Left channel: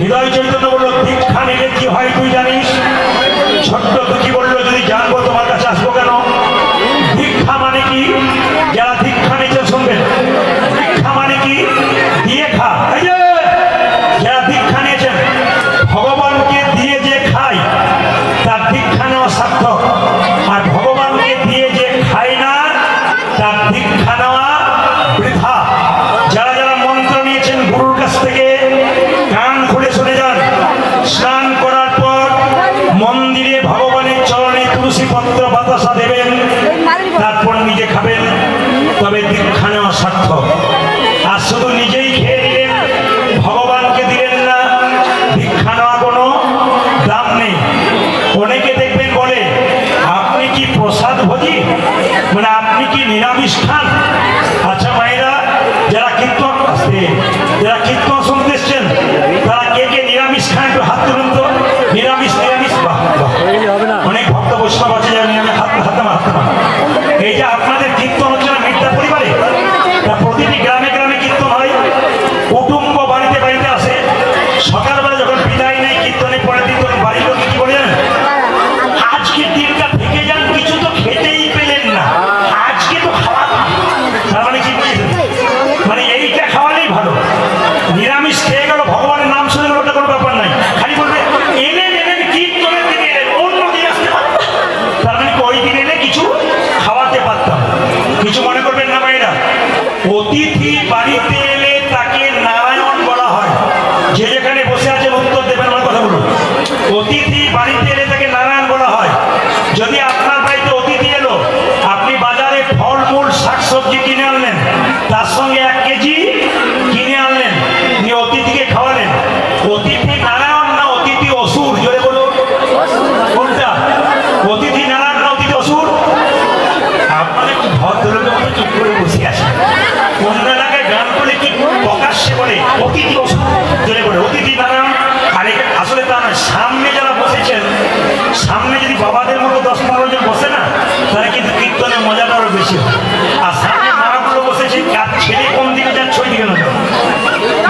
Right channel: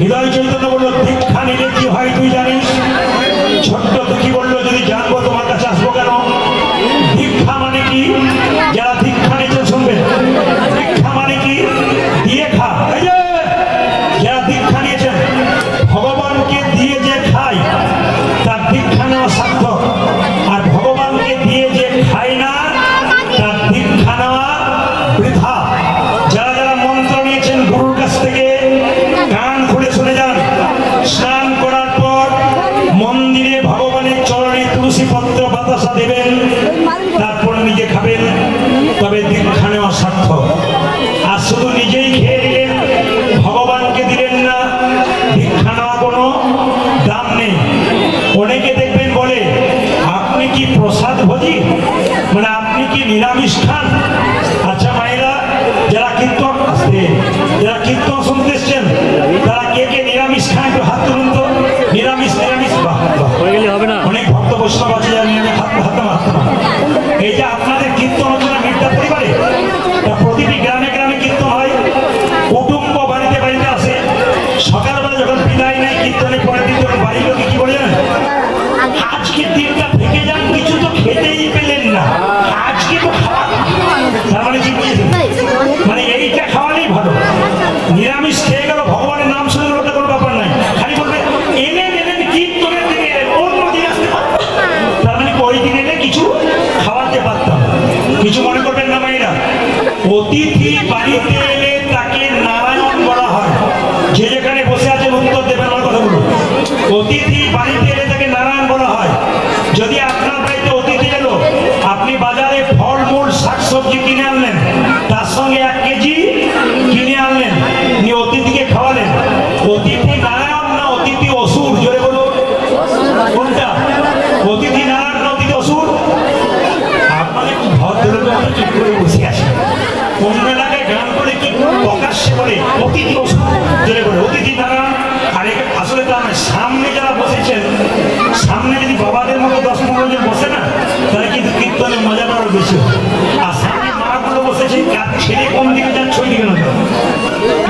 হৃদয় চৈতন্য বললো দীক্ষা নিলে কি হয় তুই জানিস? ছোট্ট দুঃখী বললো যদি জানবো তোমার কাছে আসবো কেন? দীক্ষা মানে কি? যারা দীক্ষা নিচ্ছে শুনবেন, দীক্ষা মানে কি? দিয়ে খা। এই যে যারা দীক্ষা নিয়েছেন, ভগবানকে দিয়ে যে খায় তার দীক্ষা নেওয়া সার্থক, আর ভগবানকে দিয়ে যে খায় না তার দীক্ষা নেওয়া বৃথা। যারা যারা মন্ত্র নিয়েছেন গুরুর কাছ থেকে কান খুলে শুনে যান। স্নান করার পর মন্দিরে ভগবানের চরণে তুলসী পত্র বাতাসা দেবেন, তারপর নিজে খাবেন, তবে দীক্ষা নেওয়া সার্থক। আর শুধু নিজেই খেয়ে দিলেন, ভগবানকে দিলেন না, দীক্ষা নেওয়া কোনো দাম নেই। অনেকে দেখবেন বলে আপনি কি প্রসাদ ভোজি, মানে আপনি কি নিরামিষ খান? আচ্ছা মায়েরা, যারা কীর্তন যারা কীর্তন শুনতে এসছেন তারা কে কে নিরামিষ খান একটু হাত তুলুন তো। নিরামিষ নিরামিষ অনেক ভক্ত বৈষ্ণব আছে যারা নিরামিষ। হাতে মা। এই যে আপনাদের কীর্তন হচ্ছে না মিথ্যা পরিবারে, তা প্রতিটি গ্রামে গ্রামে কীর্তন হয়, কুটুম্ব বাড়িতে বাড়িতে আসে। সকালবেলা যখন বিদায় নেয় কীর্তনে পরে দিন তখন বাড়ির লোক কি বলে জানেন? আজকে দিনটা থেকে যান, কিছু তো খেতেই পেলেন না, আজকে তো খাওয়া। তার মানে কি বুঝেছেন? মানে এইটা খাওয়ালেই ভালো। নিরামিষ খেয়ে গেল, ভগবানের নাম শুনে গেল, ওটা কোনো ব্যাপার নাই। খালি বলবে এলেন এলেন কীর্তনের দিনে এলেন, অন্য দিন আসতে পারতাম। তার মানে ওই দিন এলে কিছু খাওয়াতে পারতাম। কিছু মনে করবেন না মায়েরা, অতিথি বাড়িতে এলে তাকে নারায়ণ বলা হয়। যে যেখানে বসে আছেন উত্তর দেবেন আমার কথাগুলো। অতিথি বাড়িতে এলে তাকে নারায়ণ বলা হয়। যদি আপনার বাড়িতে অতিথি এলো, আপনি বাজারে ফলমূল শাকসবজি কিনে আনলেন, তার সঙ্গে 1 কেজি কিনে আনলেন, নিয়ে অতিথিকে খাওয়ালেন, অতিথি নারায়ণ না অতিথি অসুর? জোরে বলুন কোনটা? অতিথি নারায়ণ না অতিথি অসুর? আপনাদের একটু ভদ্রলোকের মতো চুপ করে বসে আছে। অন্য এলাকায় গান করে কি প্রকাশ্যে বলে অতিথি অসুর, জোরে বলে অতিথি নারায়ণ। আরে আসলে তা নয়। সামনে যারা বসেছেন, সামনে যদি বাবাদের মতো 10-15 জন বসে না, তাহলে কিন্তু কীর্তনের মজাটা আরো বেশি হয়। আর সামনে মারাগুলো বসেছে, কার ছেলে কোন দিকে যাচ্ছে ওই দিকে নজর,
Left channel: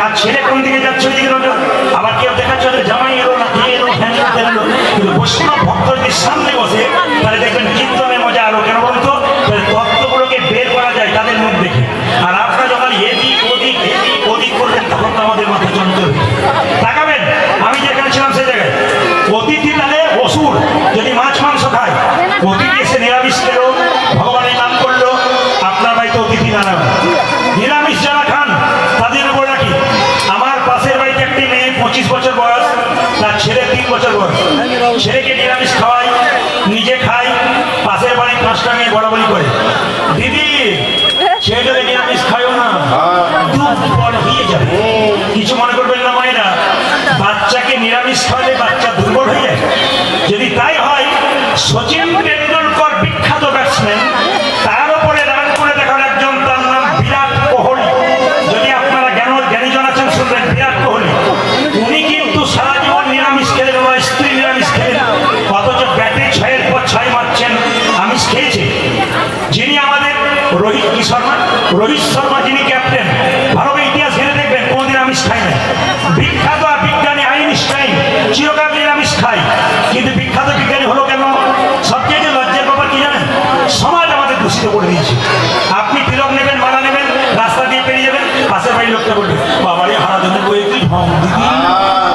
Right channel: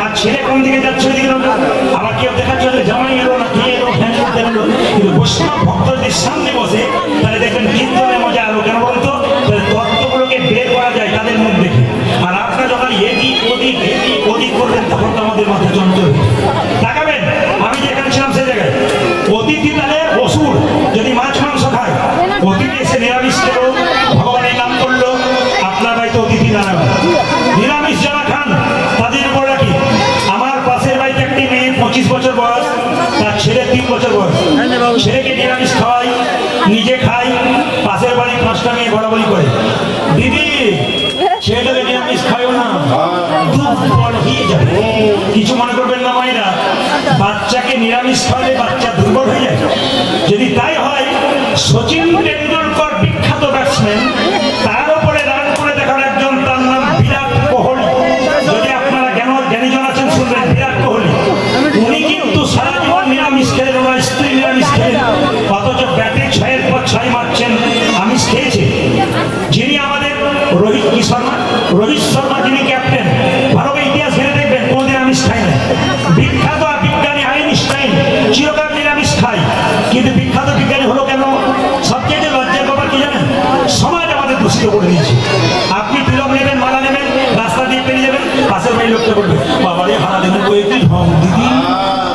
আর ছেলে কোন দিকে যাচ্ছে ওই দিকে নজর। আবার কেউ দেখাচ্ছে জামাই এলো না, কে এলো, ফ্যান এলো। কিন্তু বৈষ্ণব ভক্ত যদি সামনে বসে, তাহলে দেখবেন কীর্তনের মজা আরো। কেন বলতো? তত্ত্বগুলোকে বের করা যায় তাদের মুখ দেখে। আর আপনারা যখন এদিক ওদিক করবেন, তখন তো আমাদের মাথা চঞ্চল তাকাবেন। আমি যেখানে ছিলাম সেই জায়গায় অতিথি তাহলে অসুর। যদি মাছ মাংস খায়, অতিথি এসে নিরামিষ খেলো, ভগবানের নাম করলো, আপনার বাড়িতে অতিথি নারায়ণ। নিরামিষ যারা খান তাদের উপর রাখি। আমার পাশের বাড়িতে একটি মেয়ে 25 বছর বয়স, তার ছেলে 3 বছর বয়স। ছেলেকে নিরামিষ খাওয়াই, নিজে খাই, পাশের বাড়ির 5টা মেয়ে বড়াবড়ি করে, দিদি ছেলেটাকে নিরামিষ খাইও না, দুর্বল হয়ে যাবে। কিছু মনে করবেন না মায়েরা, বাচ্চাকে নিরামিষ খাওয়ালে বাচ্চা দুর্বল হয়ে যায়। যদি তাই হয়, সচিন টেন্ডুলকর বিখ্যাত ব্যাটসম্যান, তার উপরে রান করে দেখার একজন, তার নাম বিরাট কোহলি। যদি আপনারা জ্ঞানীজন আছেন শুনবেন, বিরাট কোহলি উনি কিন্তু সারা জীবন নিরামিষ খেলেন, ওনার স্ত্রী নিরামিষ খেলেন, অথচ ব্যাটে 6-এর পর 6 মারছেন, আমিষ খেয়েছে। যিনি আমাদের রোহিত শর্মা যিনি ক্যাপ্টেন, ভারতের ইতিহাস ঘেরে দেখবেন কোনদিন আমিষ খায় না। বিখ্যাত বিজ্ঞানী আইনস্টাইন চিরকাল নিরামিষ খায়, কিন্তু বিখ্যাত বিজ্ঞানী হলো কেন? সবচেয়ে লজ্জার ব্যাপার কি জানেন? সমাজ আমাদের দূষিত করে দিয়েছে। আপনি তিলক নেবেন, মালা নেবেন, রাস্তা দিয়ে পেরিয়ে যাবেন, পাশের বাড়ির লোকটা বলবে বাবারে হারা দিনে বই কি ঢং দিদি,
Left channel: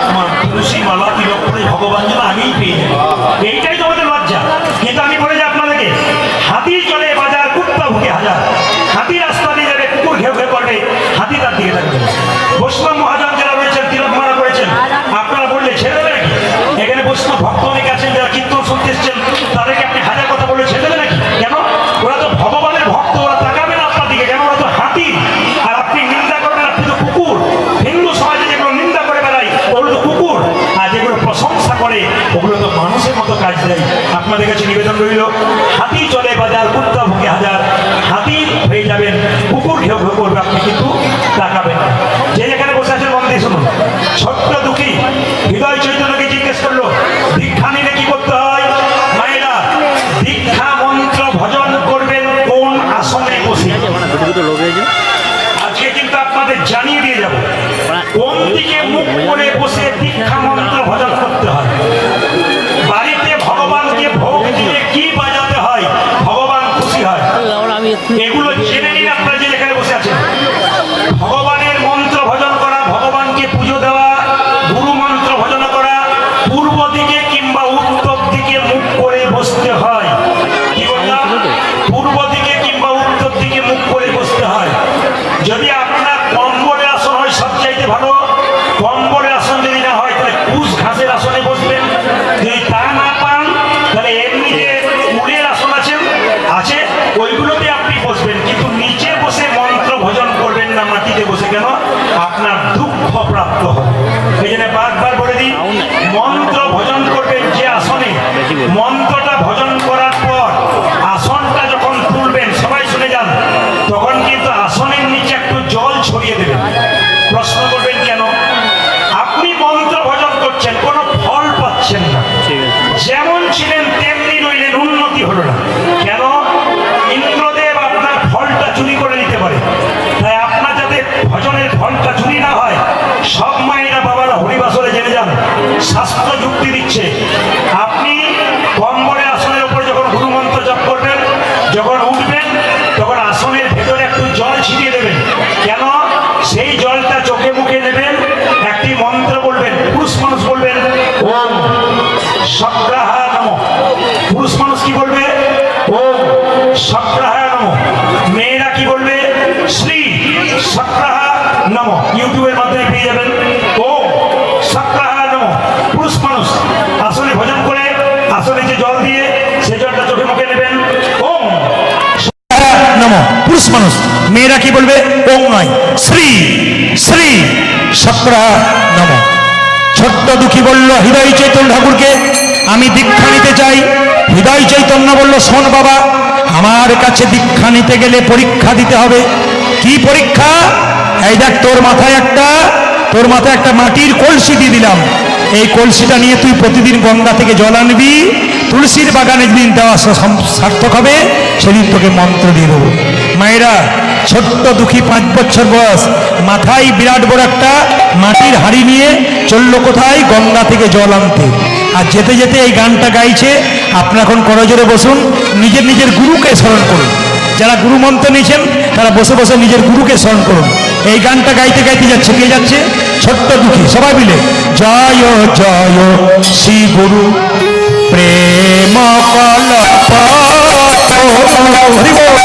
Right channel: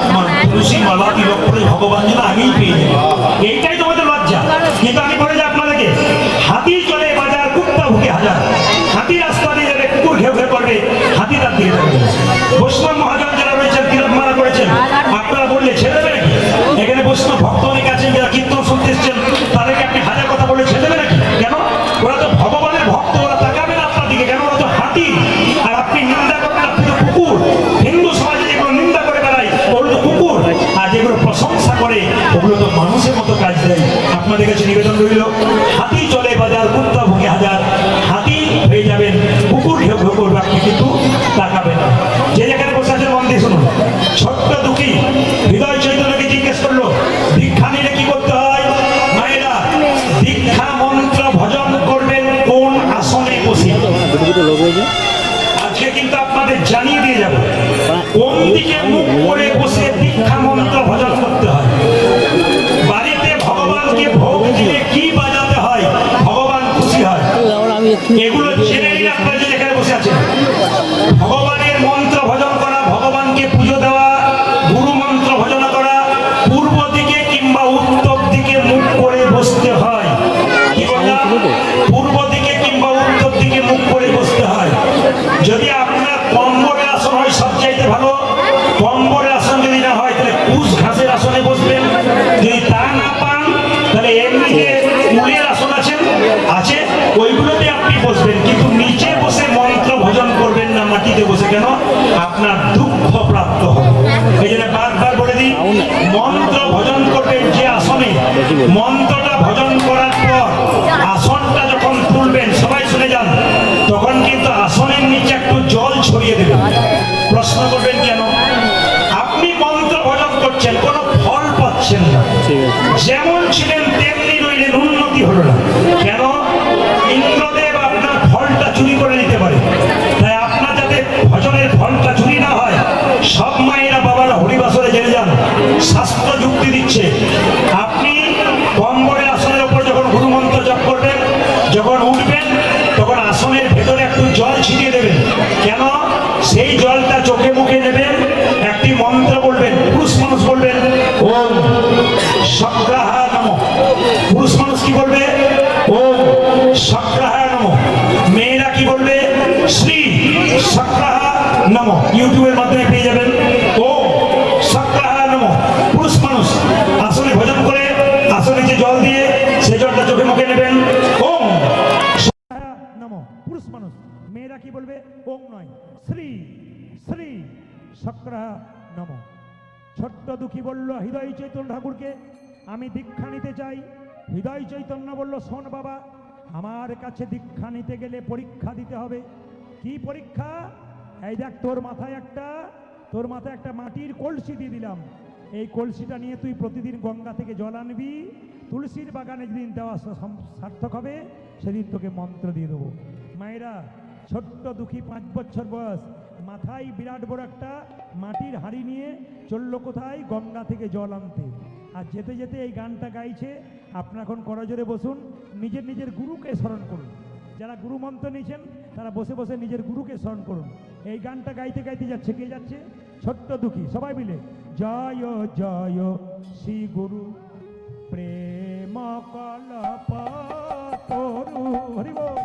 আমার তুলসী মালা তিলক করে ভগবান যেন আগেই পেয়ে যাবে। এইটাই তোমাদের লজ্জা। কিন্তু আমি বলে যাই আপনাদেরকে, হাতি চলে বাজার, কুত্তা ভুকে হাজার। হাতি রাস্তা দিয়ে যাবে, কুকুর ঘেউ ঘেউ করবে, হাতি তার দিকে থাকবে। বৈষ্ণব মহাজন যারা রয়েছেন, তিলক মালা করেছেন, আপনারা বললে ছেড়ে দেবে নাকি? এখানে বৈষ্ণব ভক্ত অনেক আছেন যারা কীর্তন শুনতে এসছেন, তাদেরকে আপনি হাজার কথা বলে ছেড়ে দেবে নাকি? কেন? ওরা তো ভগবানের ভক্ত, ওরা তাকাবে না আপনার দিকে। কেন? ওরা তো হাতি। আর আপনি নিন্দা করবেন, আপনি তো কুকুর। হিন্দু সমাজে যেগুলো নিন্দা করে বেড়াই ওগুলো তো কুকুর, আর যেগুলো প্রশংসা করে ওগুলো তো মানুষের মতো কাজ দেয়। আপনাদের কাছে নিবেদন রইল, হাতি চলে বাজার, কুত্তা ভুকে হাজার। হাতি হয়ে যাবেন, কুকুর ঘেউ ঘেউ করবে, আপনি কিন্তু তাকাবেন না। যে যেখানে বসে আছেন মন দিয়ে শুনুন। ছোট্ট দুঃখী হৃদয় চৈতন্যকে জিজ্ঞেস করলো দীক্ষা নিলে কি করতে হয়? মায়েরা, দীক্ষা মন্ত্র ভজন করবেন কোন আসনে বসে। আজকে কিন্তু আপনাদের জানিয়ে দিয়ে যাব কোন দিকে মুখ করে বসে পাচ্ছেন না। যেমন ছিলেন তেমনি রইলেন, উন্নতি হলো না। কেন? ইন্দ্রদেব আপনার ফলটা চুরি করে নিতে পারে। তাই আপনার যাতে ভজনের ফলটা চুরি না হয়, সব মায়েরা বাবারা হরিবাসরে জেনে যান, শাস্ত্র যুক্তি দিচ্ছে। আপনি কম্বলের আসনের উপর যখন গুরুমন্ত্র জপ করবেন, যখন উঠবেন, তখন আসনের ভেতরে একটু জল ছিটিয়ে দেবেন। কেন? সেই জলটা চোখে মুখে নেবেন, একটি মন্ত্র বলবেন। পুরুষ মানুষ বলবেন ওম সক্রাহায় নমঃ। পুরুষ মানুষ কি বলবে? ওম সক্রাহায় নমঃ। মেয়েরা কি বলবে? শ্রী সক্রাহায় নমঃ। ইউটিউবের মাধ্যমে পেয়ে যাবেন ওম সক্রাহায় নমঃ। পুরুষ মানুষ আসলে ভজন করে আসলে যে জল দিয়ে সেই জলটা চোখে মুখে নেবেন ওম নমঃ। পুরুষ মানুষ। মেয়েরা কি বলবে? ওম নয়, শ্রী শ্রী সক্রাহায় নমঃ। ছোট্ট দুঃখী বলল হৃদয় চৈতন্য ঠাকুরকে আমি দীক্ষা নিতে চাই। হৃদয় চৈতন্য বলল শোন বাবা, আমার কাছে দীক্ষা নিতে গেলে পরীক্ষা দিতে হবে। কি পরীক্ষা? এই দেখ, তোর মাথায় একটা মাটির কলসি দিয়ে দিলাম। এই কলসিটা নিয়ে তুই প্রতিদিন গঙ্গা থেকে জল আনবি। তুলসীর বাগানে যেদিন দেওয়া সার্থক হবে সেদিন তোকে মন্ত্র দিয়ে দেবো। মায়েরা, ছোট্ট দুঃখী 5 বছর বয়স, মাথায় বিরাট বড় একটা মাটির হাঁড়ি নিয়ে চললো কোথায়? গঙ্গা থেকে জল আনতে। আর যেতে যেতে এই গানটা গাইছে। আপনারা এখন করজোরে বসুন, নিজের নিজের গুরুকে স্মরণ করুন। যারা গুরু মন্ত্র নিয়েছেন তারা বসে বসে নিজের গুরুকে স্মরণ করুন। এই গানটা গাইতে গাইতে যাচ্ছে, কে যাচ্ছে? ছোট্ট দুঃখী। সবাই মিলে জয় জয় শ্রী গুরু প্রেম কল্প হরি বল।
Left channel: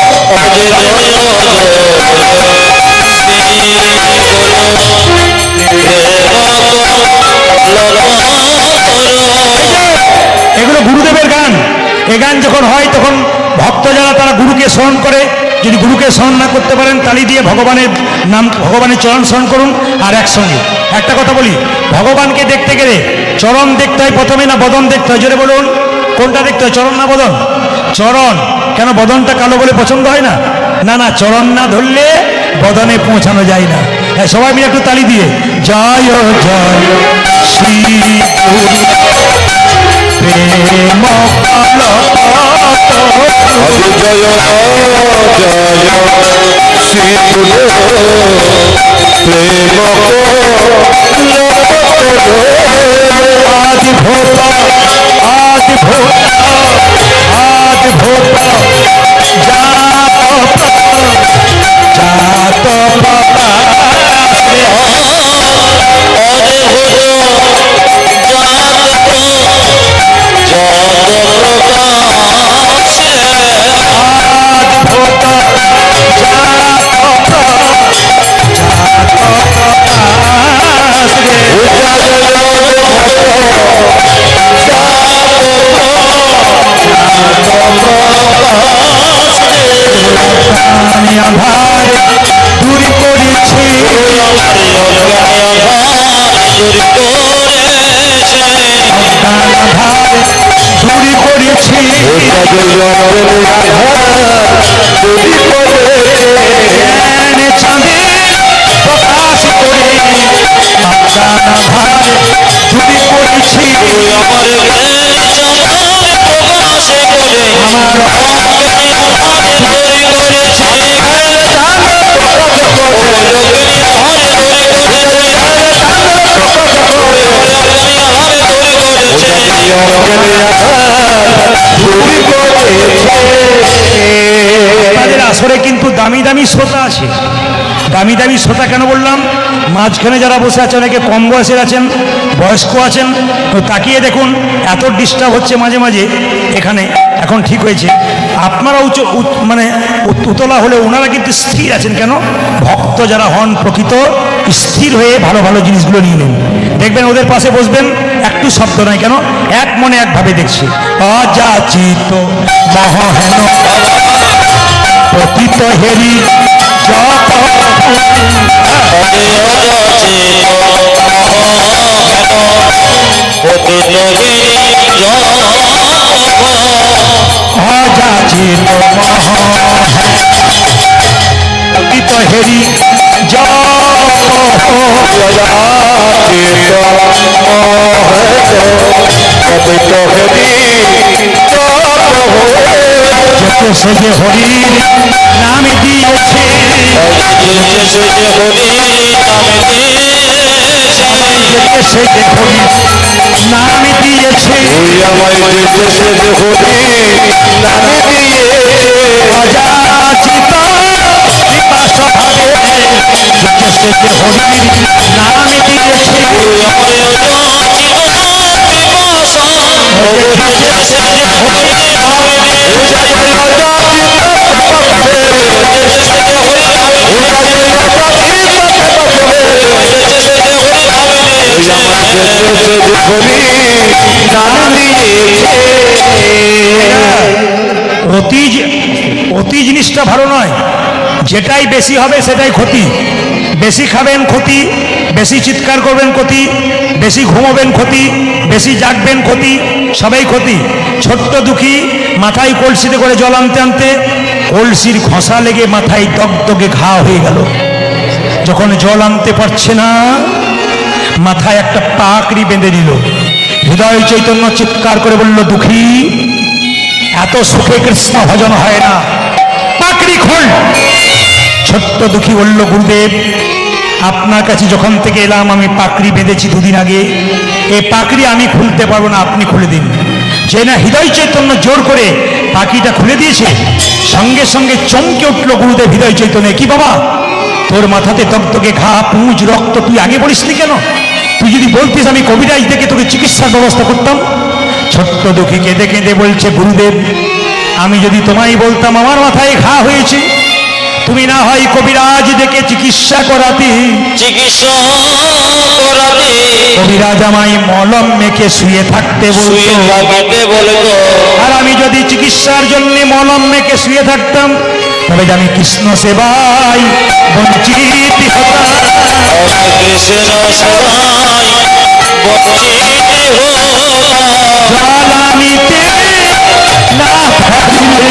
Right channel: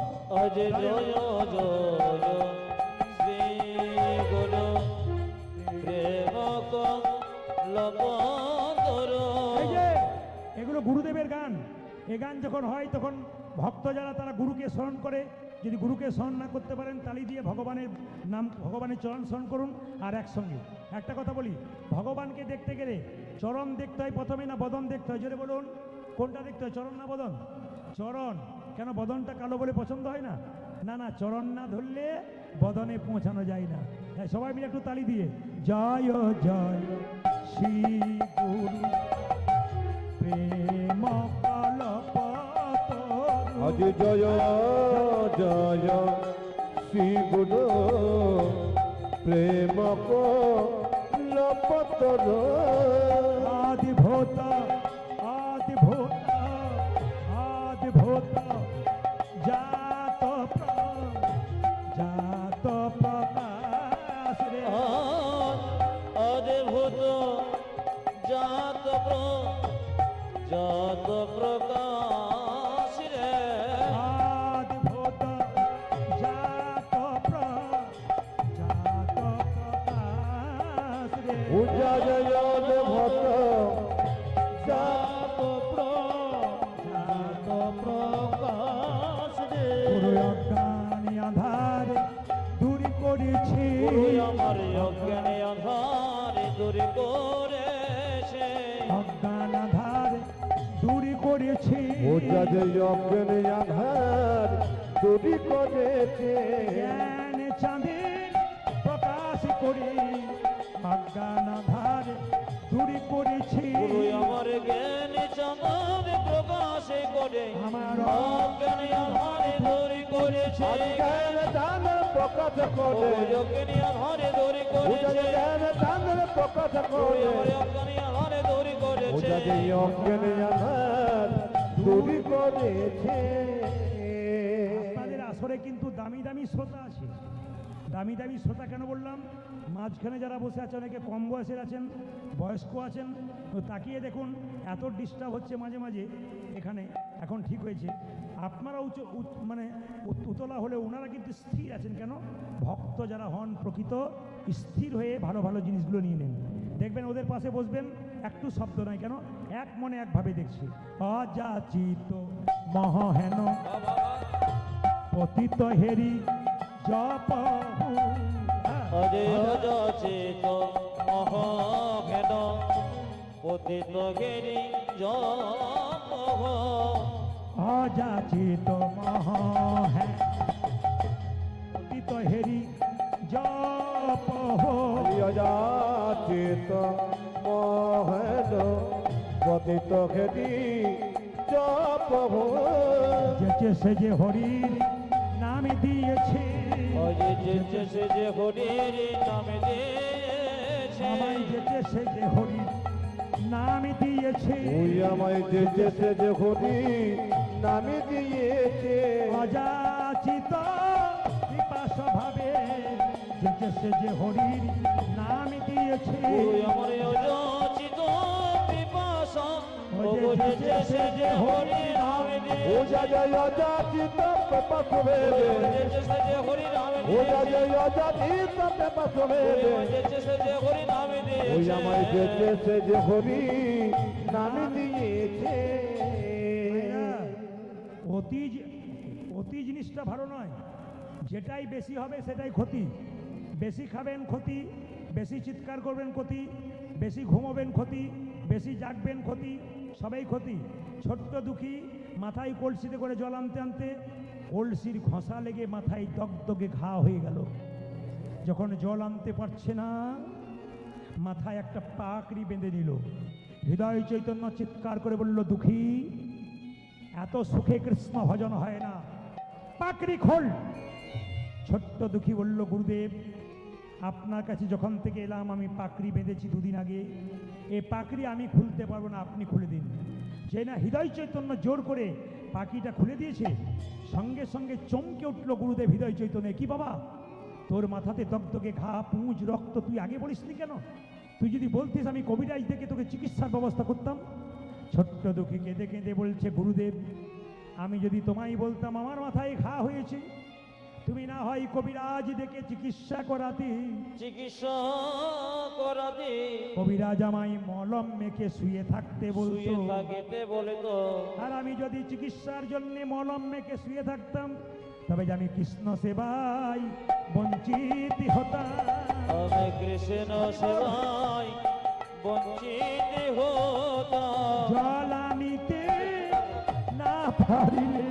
এগুলো গুরুদেবের গান। এ গান যখন হয় তখন ভক্ত যারা তারা গুরুকে স্মরণ করে। যদি গুরুকে স্মরণ না করতে পারেন, তালি দিয়ে ভগবানের নাম, ভগবানের চরণ স্মরণ করুন। আর একসঙ্গে একটা কথা বলি, ভগবানকে দেখতে গেলে চরণ দেখতে হয় প্রথমে না বদন দেখতে হয়? জোরে বলুন, কোনটা দেখতে হয়, চরণ না বদন? চরণ। কেন? বদনটা কালো বলে পছন্দ হয় না? না না, চরণ না ধরলে বদনে পৌঁছানো যায় না। সবাই মিলে একটু তালি দিয়ে জয় জয় শ্রী গুরু প্রেম জয় জয় শ্রী গুরু প্রেম আদি ভূত আদি ভূত আদি ভূত জাত জাত দামি দামি শ্রোতা আছে। দামি দামি শ্রোতা কেন বললাম? মাঝখানে যারা বসে আছে অনেকে কম বয়সের আছেন, বয়স্ক আছেন। তো তাকিয়ে দেখুন, এত ডিস্টার্ব হচ্ছে মাঝে মাঝে এখানে। এখন ঠিক হয়েছে, আপনারা মানে উতলা হলে ওনারা কিন্তু স্থির আছেন। কেন? ভক্ত যারা হন প্রকৃত স্থির হয়ে ভালো ভালো জিনিসগুলো নিয়ে নেন। দেখবেন ওদের পাশে বসবেন, একটু শব্দ নয়। কেন? এক মনে একভাবে দেখছে। অযাচিত মহাহেন পতিত হেরি জপ অযাচিত পতিত হেরি জপ পতিত হরি যেতে সে যে হরির নাম দিয়েছে, যেতে সে যে হরি নাম দিয়েছে, তুই আমায় যেতে সে যে হরি নাম দিয়েছে, অযাচিত কৃপা স্বভাবে যেতে সে যে হরির নাম দিয়েছে, অতি জিনিসটা ভালো নয়, যেটাই বেশি হবে সেটাই ক্ষতি। বেশি খাবেন ক্ষতি, বেশি চিৎকার করবেন ক্ষতি, বেশি ঘুমোবেন ক্ষতি, বেশি জাগবেন ক্ষতি, সবাই ক্ষতি। ছোট্ট দুঃখী মাথায় কলসিতে করে জল আনতে আনতে কলসির ঘষা লেগে মাথায় দগদগে ঘা হয়ে গেল। যখন জল আনতে পারছে না, মাথায় একটা পাকড়ি বেঁধে নিল। হৃদয় চৈতন্য চিৎকার করে বলল, দুঃখী, এত সুখে কৃষ্ণ ভজন হয় না, পাকড়ি খোল। ছোট্ট দুঃখী বলল, গুরুদেব, আপনার কাছে যখন থেকে এলাম আমি পাকড়ি বেঁধেছি দুদিন আগে, এই পাকড়ি আমি খুলতে পারবো না, আপনি খুলে দিন। যে না হৃদয় চৈতন্য জোর করে পাকড়িটা খুলে দিয়েছে, সঙ্গে সঙ্গে চমকে উঠল গুরুদেব হৃদয় চৈতন্য। কি বাবা, তোর মাথাতে দগদগে ঘা, পুঁজ, রক্ত, তুই আগে বলিসনি কেন? তুই যদি বলতিস আমি কবিরাজ দেখে তোকে চিকিৎসার ব্যবস্থা করতাম। ছোট্ট দুঃখী কেঁদে কেঁদে বলছে, গুরুদেব, আমি যদি তোমায় বলতাম আমার মাথায় ঘা হয়েছে, তুমি না হয় কবিরাজ দেখে চিকিৎসা করাতে। কবিরাজ আমায় মলম মেখে শুয়ে থাকতে বলতো, আর আমি যদি চিকিৎসার জন্য মলম মেখে শুয়ে থাকতাম, তবে আমি কৃষ্ণ সেবায় বঞ্চিত হতাম। জ্বালানিতে না থাকলে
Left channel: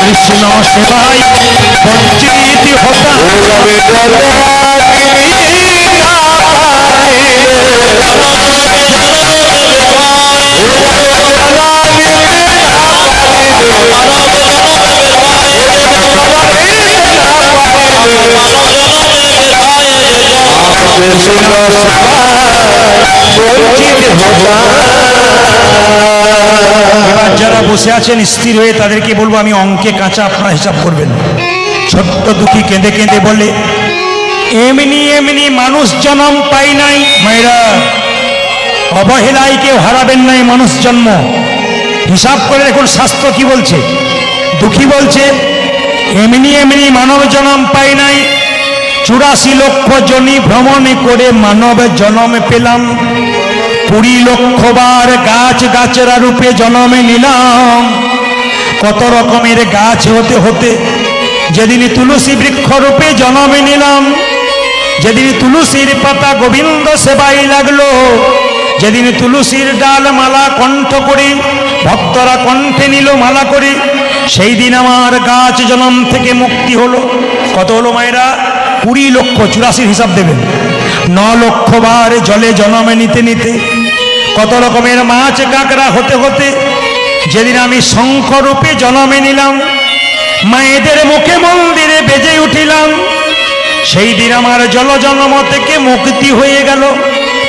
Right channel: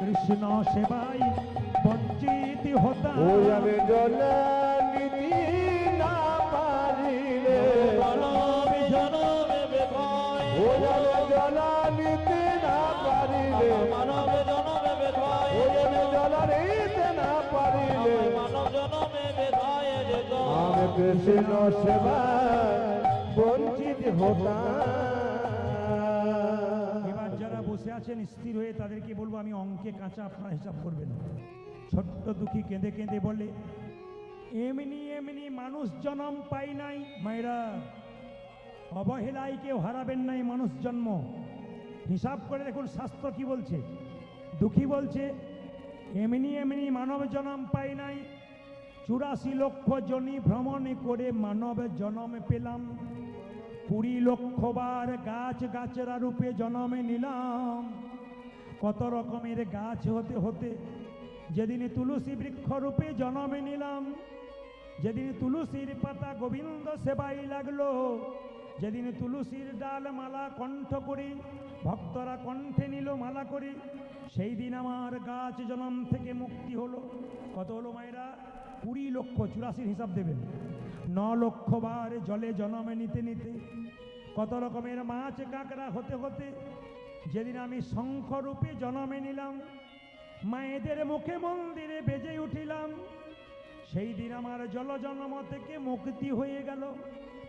কৃষ্ণ সেবায় বঞ্চিত হতাম। এবার যারা বসে আছেন স্থির হয়ে, তাদেরকে বলবো আমি অঙ্কে কাঁচা, আপনারা হিসাব করবেন। ছোট্ট দুঃখী কেঁদে কেঁদে বলে, এমনি এমনি মানুষ জন্ম পাই নাই মায়েরা, অবহেলায় কেউ হারাবেন নাই মানুষ জন্ম। হিসাব করে দেখুন শাস্ত্র কি বলছে। দুঃখী বলছে, এমনি এমনি মানব জন্ম পাই নাই, 84 লক্ষ জনি ভ্রমণ করে মানব জন্ম পেলাম, 20 লক্ষ বার গাছ গাছেরা রূপে জন্ম নিলাম। কত রকমের গাছ হতে হতে যেদিন তুলসী বৃক্ষ রূপে জন্ম নিলাম, যেদিন তুলসীর পাতা গোবিন্দ সেবাই লাগলো, যেদিন তুলসীর ডাল মালা কণ্ঠ করে ভক্তরা কণ্ঠে নিল মালা করে, সেই দিন আমার গাছ জন্ম থেকে মুক্তি হলো। কত হলো মায়েরা? 20 লক্ষ। 84 হিসাব দেবেন। 9 লক্ষ বার জলে জন্মে নিতে নিতে, কত রকমের মাছ কাঁকড়া হতে হতে যেদিন আমি শঙ্খ রূপে জন্মে নিলাম, মায়েদের মুখে মন্দিরে বেজে উঠিলাম, সেই দিন আমার জল জন্ম থেকে মুক্তি হয়ে গেল।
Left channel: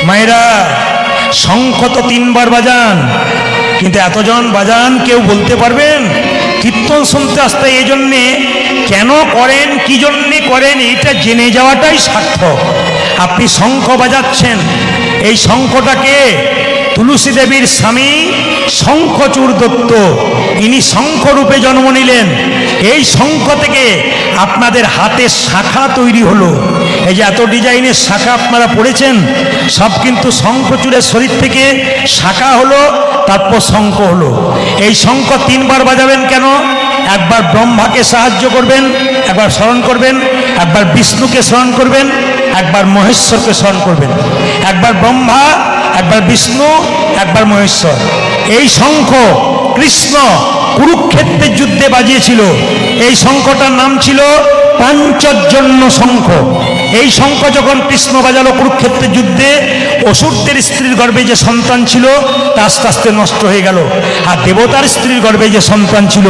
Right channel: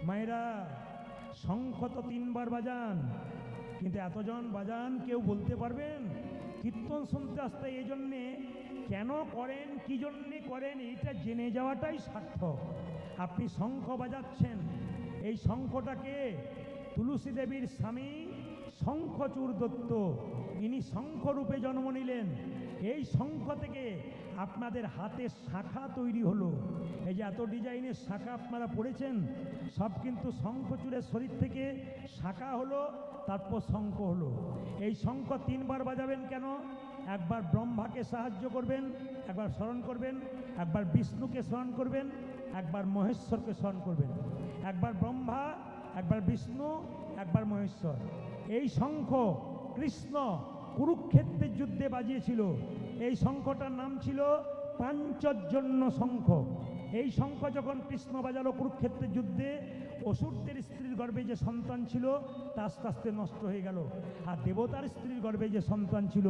মায়েরা, শঙ্খ তো 3 বার বাজান, কিন্তু এতজন বাজান কেউ বলতে পারবেন? কীর্তন শুনতে আসতে এই জন্যে কেন করেন, কি জন্যে করেন, এটা জেনে যাওয়াটাই সার্থক। আপনি শঙ্খ বাজাচ্ছেন, এই শঙ্খটাকে তুলসী দেবীর স্বামী শঙ্খচূড় দত্ত, ইনি শঙ্খরূপে জন্ম নিলেন। এই শঙ্খ থেকে আপনাদের হাতে শাখা তৈরি হলো। এই যে এত ডিজাইনের শাখা আপনারা পড়েছেন, সব কিন্তু শঙ্খচূড়ের শরীর থেকে শাখা হলো, তারপর শঙ্খ হলো। এই শঙ্খ 3 বার বাজাবেন কেন? একবার ব্রহ্মাকে সাহায্য করবেন, একবার স্মরণ করবেন, একবার বিষ্ণুকে স্মরণ করবেন, একবার মহেশ্বরকে স্মরণ করবেন। একবার ব্রহ্মা, একবার বিষ্ণু, একবার মহেশ্বর। এই শঙ্খ কৃষ্ণ কুরুক্ষেত্রের যুদ্ধে বাজিয়েছিল। এই শঙ্খটার নাম ছিল পাঞ্চজন্য শঙ্খ। এই শঙ্খ যখন কৃষ্ণ বাজালো কুরুক্ষেত্রের যুদ্ধে, অসুরদের স্ত্রীর গর্ভে যে সন্তান ছিল তা আস্তে আস্তে নষ্ট হয়ে গেল, আর দেবতার স্ত্রীর গর্ভে যে সন্তান ছিল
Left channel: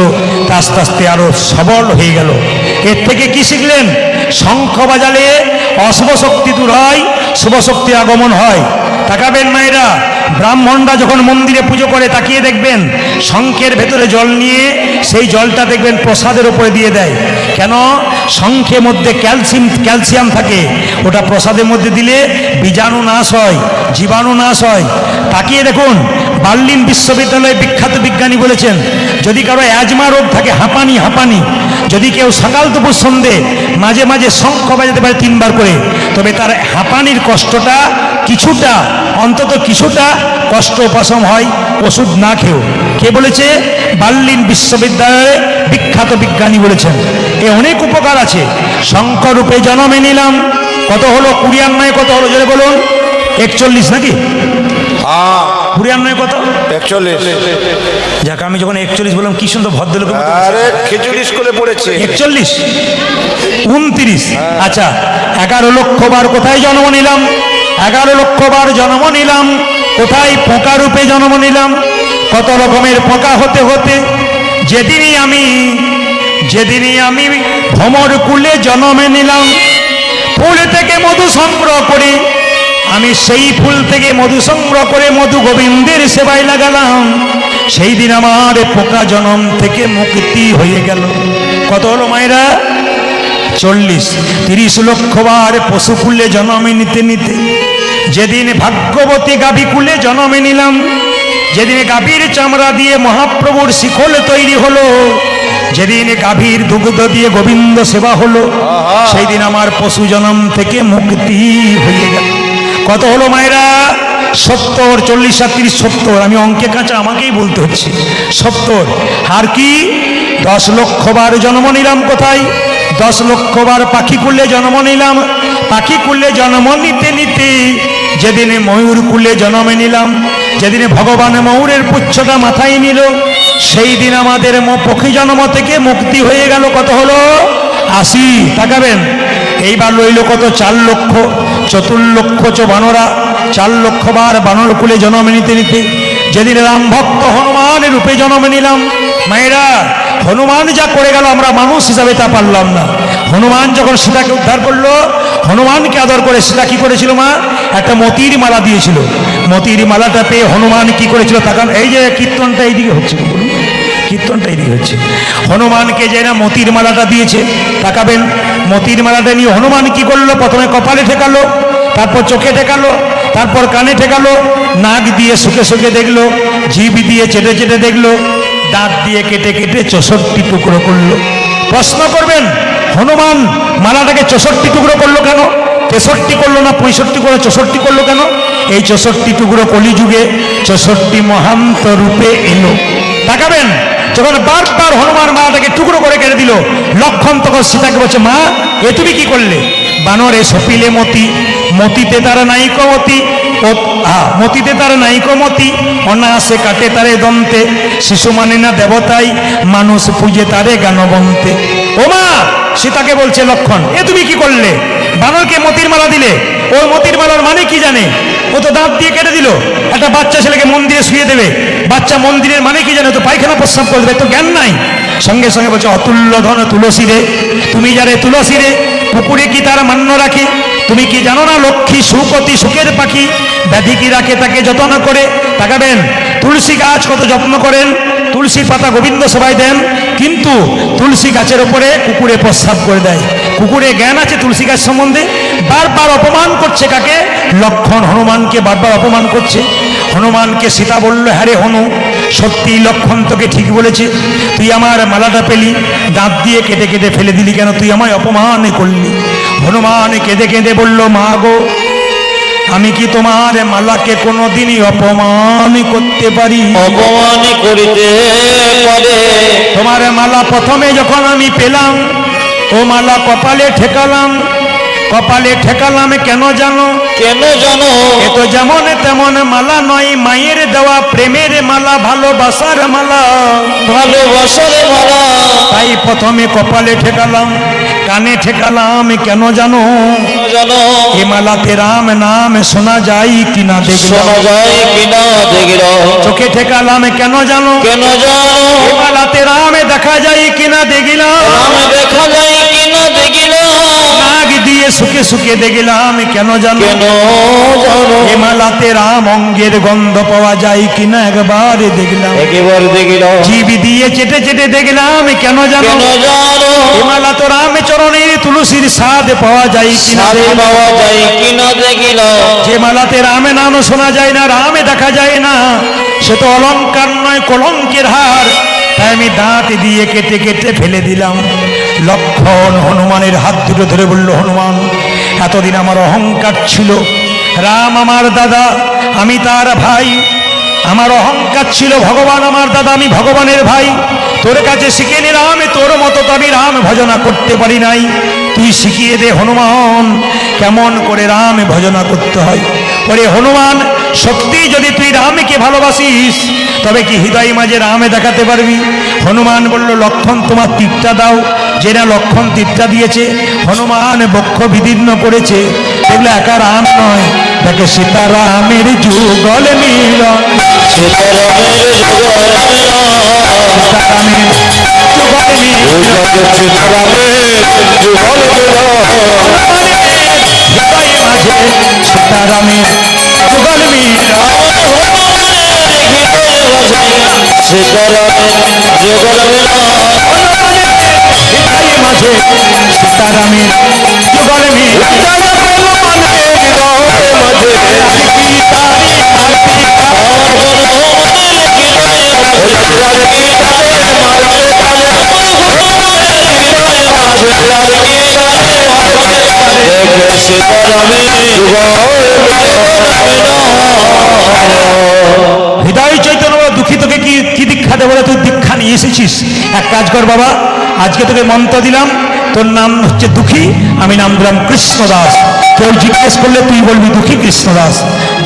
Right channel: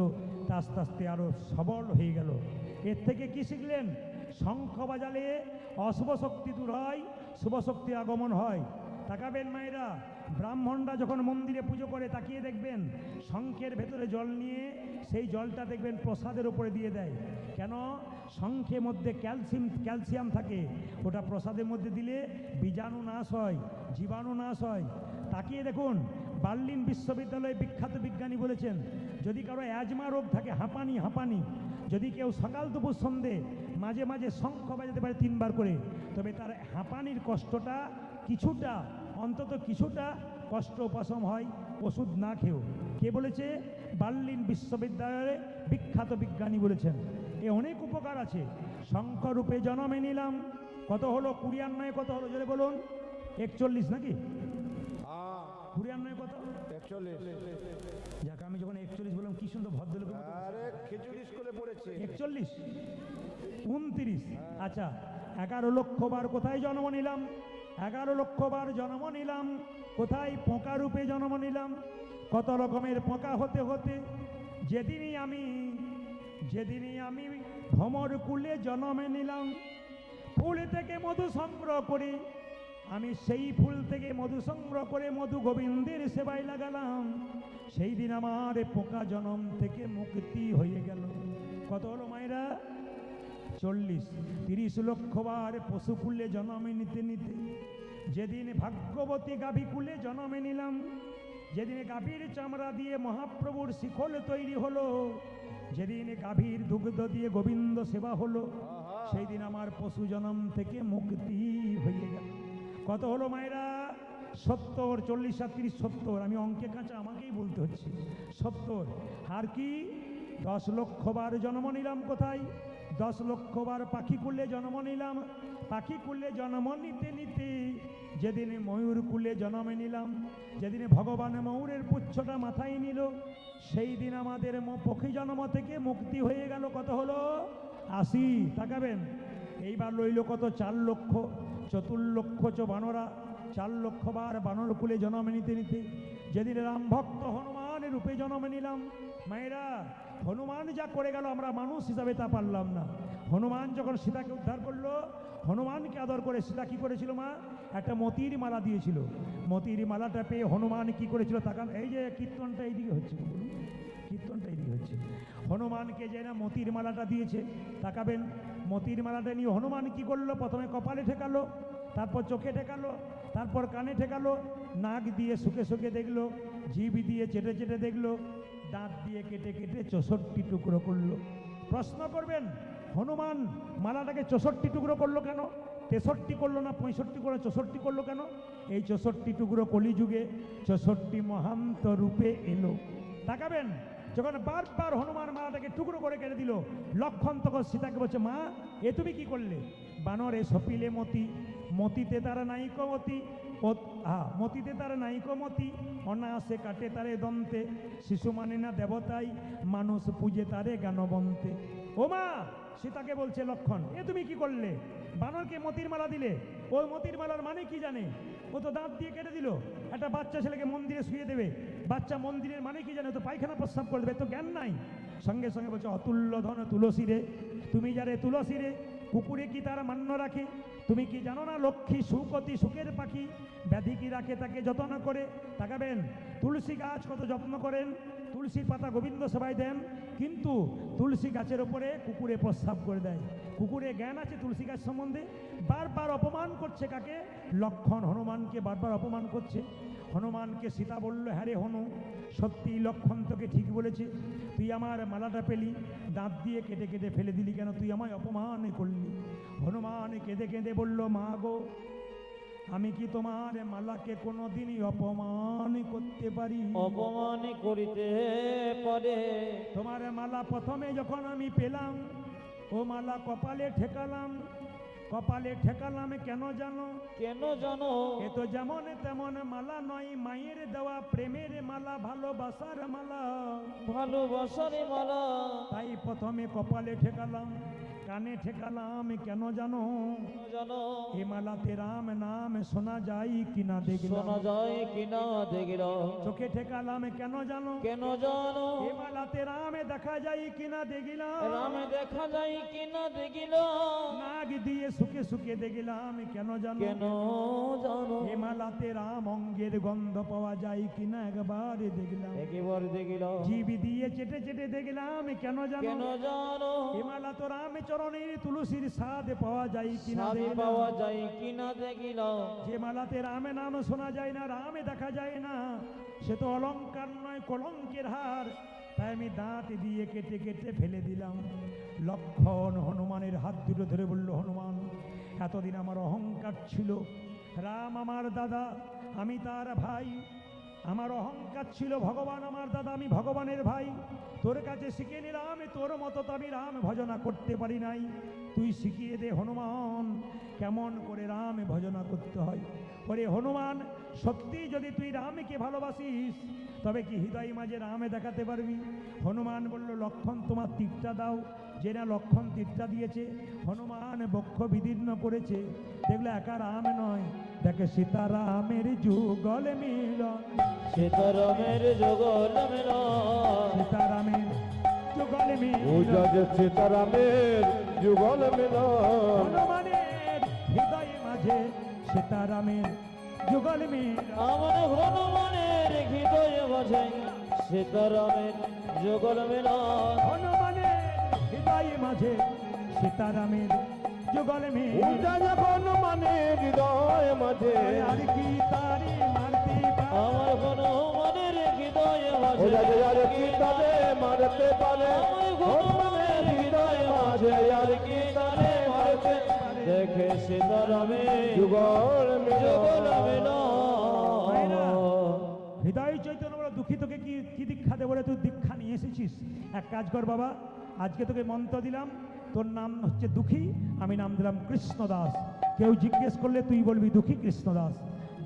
তা আস্তে আস্তে আরো সবল হয়ে গেল। এর থেকে কি শিখলেন? শঙ্খ বাজালে অশুভ শক্তি দূর হয়, শুভ শক্তির আগমন হয়। তাকাবেন মায়েরা, ব্রাহ্মণরা যখন মন্দিরে পুজো করে তাকিয়ে দেখবেন শঙ্খের ভেতরে জল নিয়ে সেই জলটা দেখবেন প্রসাদের উপরে দিয়ে দেয়। কেন? শঙ্খের মধ্যে ক্যালসিয়াম থাকে, ওটা প্রসাদের মধ্যে দিলে বীজাণু নাশ হয়, জীবাণু নাশ হয়। তাকিয়ে দেখুন, বার্লিন বিশ্ববিদ্যালয়ে বিখ্যাত বিজ্ঞানী বলেছেন যদি কারো অ্যাজমা রোগ থাকে, হাঁপানি, যদি কেউ সকাল দুপুর সন্ধে মাঝে মাঝে শঙ্খ বাজাতে পারে 3 বার করে, তবে তার হাঁপানির কষ্টটা কিছুটা, অন্তত কিছুটা কষ্ট উপশম হয় ওষুধ না খেয়েও। কে বলেছে? বার্লিন বিশ্ববিদ্যালয়ে বিখ্যাত বিজ্ঞানী বলেছেন। এ অনেক উপকার আছে। শঙ্খ রূপে জন্মে নিলাম, কত হলো? 94 কত হলো জোরে বলুন? 41 নাকি? 94 কত? 41। যাক, আমি যখন 41 বললাম কি সুন্দর ভদ্রলোক। আরে খিচুড়ি স্কুলে পড়েছে। 41, 29। আচ্ছা, 11 লক্ষ বার কোথায় জন্ম নিলাম? 11 লক্ষ বার জন্ম নিলাম কোথায়? পোকা রূপে জন্ম নিলাম। কত রকমের পোকা হতে হতে যেদিনই আমি ভ্রমর কুলে জন্মে নিলাম। ফুল থেকে মধু সংগ্রহ করে, আমি সেই ফুল থেকে মধু সংগ্রহ করে মধু গোবিন্দের সেবায় লাগালাম। সেই দিন আমার পোকা জন্ম থেকে মুক্তি হয়ে গেল। কত হলো মায়েরা? 40। 30 লক্ষ বার পশু কুলে জন্মে নিতে নিতে যেদিন ভাগ্যবতী গাভী কুলে জন্মে নিলাম, যেদিন গাভীর চামড়া দিয়ে মহাপ্রভুর শিখল তৈরি হলো, যেদিন গাভীর দুগ্ধ দিয়ে গোবিন্দ সেবা হলো, সেই দিন আমার পশু জন্ম থেকে মুক্তি হয়ে গেল। কত হলো মায়েরা? 70। 40 আর 30, 70। আমি অঙ্কে কাঁচা, আমাকেই বলতে হচ্ছে 70। আর কি? 10 লক্ষ বার জন্ম নিলাম কোথায়? 10 লক্ষ বার পাখি কুলে জন্ম নিলাম। পাখি কুলে জন্ম নিতে নিতে যেদিনে ময়ূর কুলে জন্মে নিলাম, যেদিনে ভগবান ময়ূরের পুচ্ছটা মাথায় নিল, সেই দিন আমাদের পক্ষী জন্ম থেকে মুক্তি হয়ে গেল। কত হলো? 80। তাকাবেন, এইবার লইল কত? 4 লক্ষ। 4 লক্ষ বানরা, 4 লক্ষ বার বানর কুলে জন্ম নিতে নিতে যেদিন রাম ভক্ত হনুমানের রূপে জন্ম নিলাম। মায়েরা, হনুমান যা করে গেল আমরা মানুষ হিসাবে তা পারলাম না। হনুমান যখন সীতাকে উদ্ধার করলো, হনুমানকে আদর করে সীতা কি করেছিল? মা একটা মতির মালা দিয়েছিল। মতির মালাটা পেয়ে হনুমান কি করেছিল? তাকান, এই যে কীর্তনটা এইদিকে হচ্ছে, কীর্তনটা এইদিকে হচ্ছে। হনুমানকে যে না মতির মালাটা দিয়েছে, তাকাবেন, মতির মালাটা নিয়ে হনুমান কি করলো? প্রথমে কপালে ঠেকালো, তারপর চোখে ঠেকালো, তারপর কানে ঠেকালো, নাক দিয়ে শুকে শুকে দেখলো, জিভ দিয়ে চেটে চেটে দেখলো, দাঁত দিয়ে কেটে কেটে 64 টুকরো করলো। প্রশ্ন করবেন, হনুমান মালাটাকে 64 টুকরো করলো কেন? 63 করলো না 65 করলো, 64 করলো কেন? এই 64 টুকরো কলিযুগে 64 মহান্ত রূপে এলো। তাকাবেন, যখন বারবার হনুমান মালাটাকে টুকরো করে কেটে দিল, লক্ষণ তখন সীতাকে বলছে, মা এ তুমি কি করলে? বানরে সপিলে মতি, মতিতে তারা নাইক মতি, মতিতে তার নাইক মতি, অনায়াসে কাটে তারে দন্তে, শিশু মানে না দেবতাই, মানুষ পূজে তারে গানবন্তে। ও মা, সীতাকে বলছে লক্ষণ, এ তুমি কি করলে? বানরকে মতির মালা দিলে। ওই মতির মালার মানে কি জানে? ও তো দাঁত দিয়ে কেটে দিল। একটা বাচ্চা ছেলেকে মন্দিরে শুয়ে দেবে, বাচ্চা মন্দিরের মানে কি জানে? তো পায়খানা প্রস্রাব করে দেবে, তো জ্ঞান নাই। সঙ্গে সঙ্গে বলছে, অতুল্য ধন তুলসী রে, তুমি যারে তুলসী রে, পুকুরে কি তার মান্য রাখে? তুমি কি জানো না লক্ষ্মী সুপতি সুখের পাখি, ব্যাধি কি রাখে তাকে যত্ন করে। তাকাবেন, তুলসী গাছ কত যত্ন করেন, তুলসীর পাতা গোবিন্দ সবাই দেন, কিন্তু তুলসী গাছের ওপরে কুকুরে প্রস্রাব করে দেয়। কুকুরে জ্ঞান আছে তুলসী গাছ সম্বন্ধে? বারবার অপমান করছে কাকে? লক্ষণ হনুমানকে বারবার অপমান করছে। হনুমানকে সীতা বলল, হ্যাঁ রে হনু, সত্যি লক্ষণ তোকে ঠিক বলেছে, তুই আমার মালাটা পেলি, দাঁত দিয়ে কেটে কেটে ফেলে দিলি কেন? তুই আমায় অপমান করলি। হনুমান কেঁদে কেঁদে বলল, মা গো, আমি কি তোমার মালাকে কোনোদিনই অপমান করতে পারি? অপমান করিতে পারে। তোমার মালা প্রথমে যখন আমি পেলাম, ও মালা কপালে ঠেকালাম, কপালে ঠেকালাম কেন জানো? কেন জানো? এ তো যেমন তেমন মালা নয়, মায়ের দেওয়া প্রেমের মালা, ভালোবাসার মালা। ভালোবাসার মালা। তাই প্রথমে কপালে ঠেকালাম, কানে ঠেকালাম কেন জানো? জানো? এ মালাতে রাম নাম শোনা যায় কিনা দেখলাম। শোনা যায় কিনা দেখলাম। চোখে ঠেকালাম কেন জানো? কেন জানো? এ মালাতে রাম দেখা যায় কিনা দেখলাম। রাম দেখা যায় কিনা দেখলাম। নাগ দিয়ে সুখে সুখে দেখলাম কেন জানো? কেন জানো? এ মালাতে রাম অঙ্গের গন্ধ পাওয়া যায় কিনা একবার দেখলাম। একেবারে দেখলাম। জিভ দিয়ে চেটে চেটে দেখলাম কেন জানো? কেন জানো? এ মালা তো রাম চরণের তুলসীর স্বাদ পাওয়া যায় কিনা সারে দেখলাম। পাওয়া যায় কিনা দেখলাম। যে মালাতে রামে নাম শোনা যায় না, রামে দেখা যায় না, সে তো অলংকার নয় কলঙ্কের হার। তাই আমি দাঁত দিয়ে কেটে কেটে ফেলে দিলাম। লক্ষণ হনুমানের হাত দুটো ধরে বলল, হনুমান এতদিন আমার অহংকার ছিল, রাম আমার দাদা, আমি তার ভাই। আমার অহংকার ছিল ভগবান আমার দাদা, আমি ভগবানের ভাই। তোর কাছে শিখে নিলাম, তোর মতো তো আমি রাম ভজনা করতে পারি নাই। তুই শিখিয়ে দে হনুমান কেমন করে রাম ভজনা করতে হয়। ওরে হনুমান, সত্যি যদি তুই রামকে ভালোবাসিস তবে কি হৃদয় মাঝে রামে দেখাতে পারবি? হনুমান বলল, লক্ষণ তোমার তীরটা দাও। যে না লক্ষণ তীরটা দিয়েছে, হনুমান বক্ষ বিদীর্ণ করেছে। এগুলো একা রাম নয়, তাকে সীতারামের যুগল মিলন। সীতারামের যুগল সীতারামের যুগল মিলন। সীতারামের যুগল হনুমানের হৃদয় মাঝে সীতারামের যুগল মিলন। সীতারামের যুগল হনুমানের হৃদয় মাঝে সীতারামের যুগল মিলন। হৃদয় চৈতন্য দুঃখী তোকে কি কি দীক্ষা দেবো? তুই দীক্ষা নিয়ে এসেছিস। এক কাজ কর বাবা, আজকে তোকে মন্ত্র দিলাম, তোর নাম হচ্ছে দুঃখী, আমি নাম দিলাম কৃষ্ণদাস। কেউ জিজ্ঞেস করলে তুই বলবি দুঃখী কৃষ্ণদাস।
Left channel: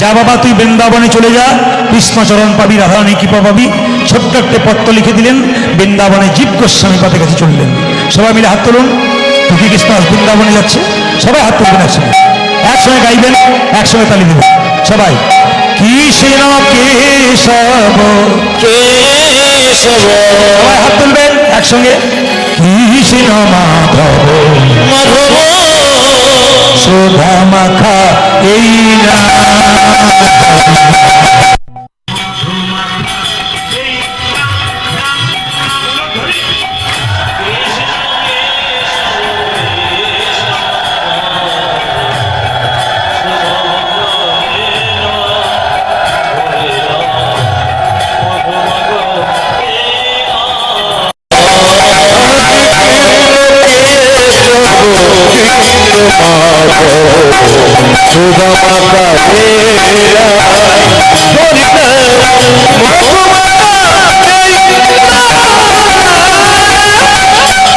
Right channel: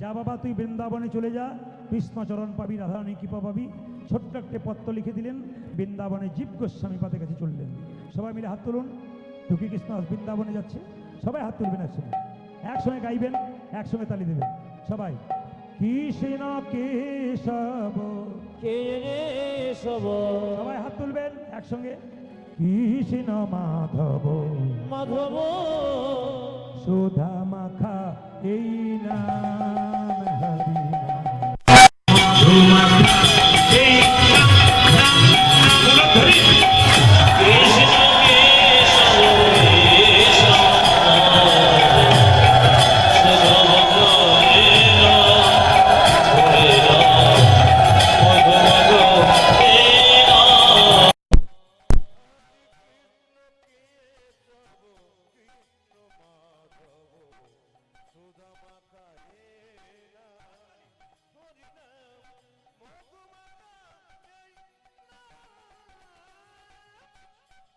যা বাবা, তুই বৃন্দাবনে চলে যা, কৃষ্ণচরণ পাবি, রাধারানী কৃপা পাবি। ছোট্ট একটা পত্র লিখে দিলেন, বৃন্দাবনে জীব গোস্বামী পাদের কাছে চললেন। সবাই মিলে হাত তুলুন। দুঃখী কৃষ্ণদাস বৃন্দাবনে যাচ্ছে, সবাই হাত তুলবেন একসঙ্গে, একসঙ্গে গাইবেন, একসঙ্গে তালি দেবেন সবাই। কৃষ্ণ কেশব কেশব সবাই হাত তুলবেন একসঙ্গে। কৃষ্ণ মাধব মাধব সুধা মাখা এই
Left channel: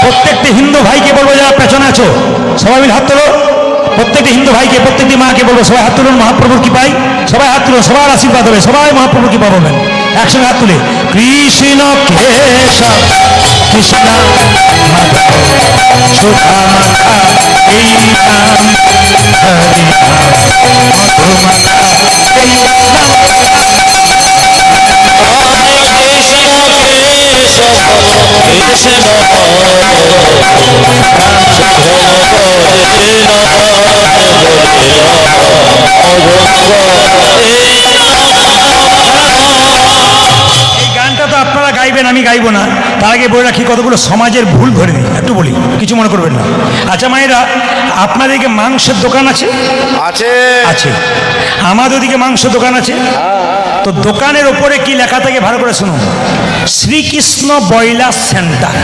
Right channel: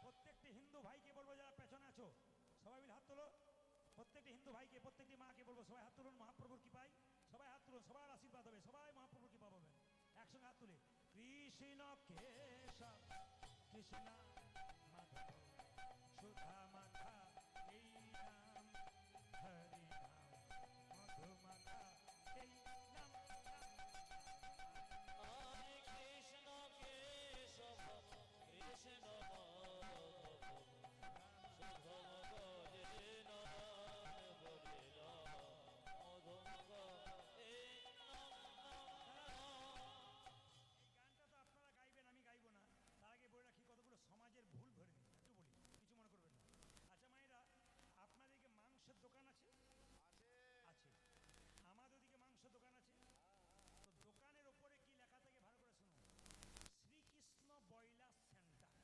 প্রত্যেকটি হিন্দু ভাইকে বলবো, যারা পেছনে আছো সবাই মিলে হাত তোলো। প্রত্যেকটি হিন্দু ভাইকে, প্রত্যেকটি মাকে বলবো, সবাই হাত তুলুন, মহাপ্রভুর কৃপায় সবাই হাত তুলুন, সবার আশীর্বাদ হবে, সবাই মহাপ্রভুর কৃপা পাবেন। একসঙ্গে হাত তুলে কৃষ্ণ কেশব কৃষ্ণ মাধব সুধা মাখা এই নাম, হরি নাম মধু মাখা এই নাম। এই গানটা তো আপনারা গাইবেন, আমি গাইবো না। তার আগে বলে রাখি, কতগুলো সমাজের ভুল ধরে দিই, একটু বলি, কিছু মনে করবেন না। আচ্ছা মায়েরা, আপনাদেরকে মাংসের দোকান আছে? আছে আছে। আমাদের ওদিকে মাংস দোকান আছে। তো দোকানের ওপরে কি লেখা থাকে ভালো করে শুনুন, শ্রীকৃষ্ণ ব্রয়লার সেন্টার।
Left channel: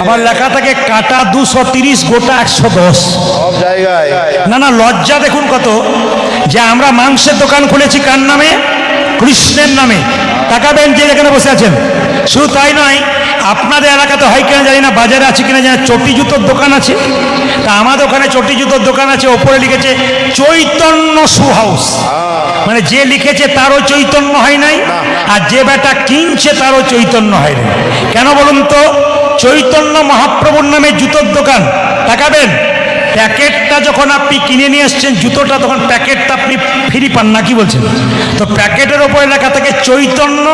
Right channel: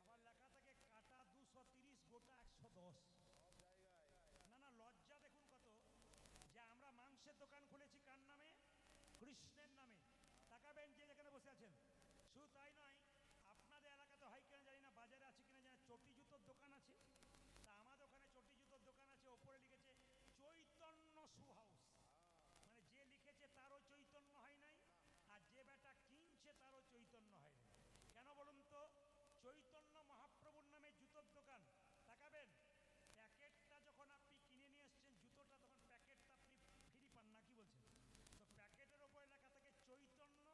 আবার লেখা থাকে কাটা 230, গোটা 110। সব জায়গায় না না, লজ্জা দেখুন কত, যে আমরা মাংসের দোকান খুলেছি কার নামে? কৃষ্ণের নামে। তাকাবেন যে এখানে বসে আছেন। শুধু তাই নয়, আপনাদের এলাকাতে হয় কিনা জানি না, বাজারে আছে কিনা জানি না, চটি জুতোর দোকান আছে। তা আমাদের ওখানে চটি জুতোর দোকান আছে, ওপরে লিখেছে চৈতন্য শু হাউস। মানে যে লিখেছে তারও চৈতন্য হয় নাই, আর যে বেটা কিনছে তারও চৈতন্য হয় নাই। কেন বলুন তো? চৈতন্য মহাপ্রভুর নামে জুতোর দোকান। তাকাবেন, প্যাকেটটা যখন আপনি কিনে নিয়ে আসছেন জুতোটা, তখন প্যাকেটটা আপনি ফ্রি পান না, কি বলছেন? তো প্যাকেটের ওপরে লেখা থাকে চৈতন্য,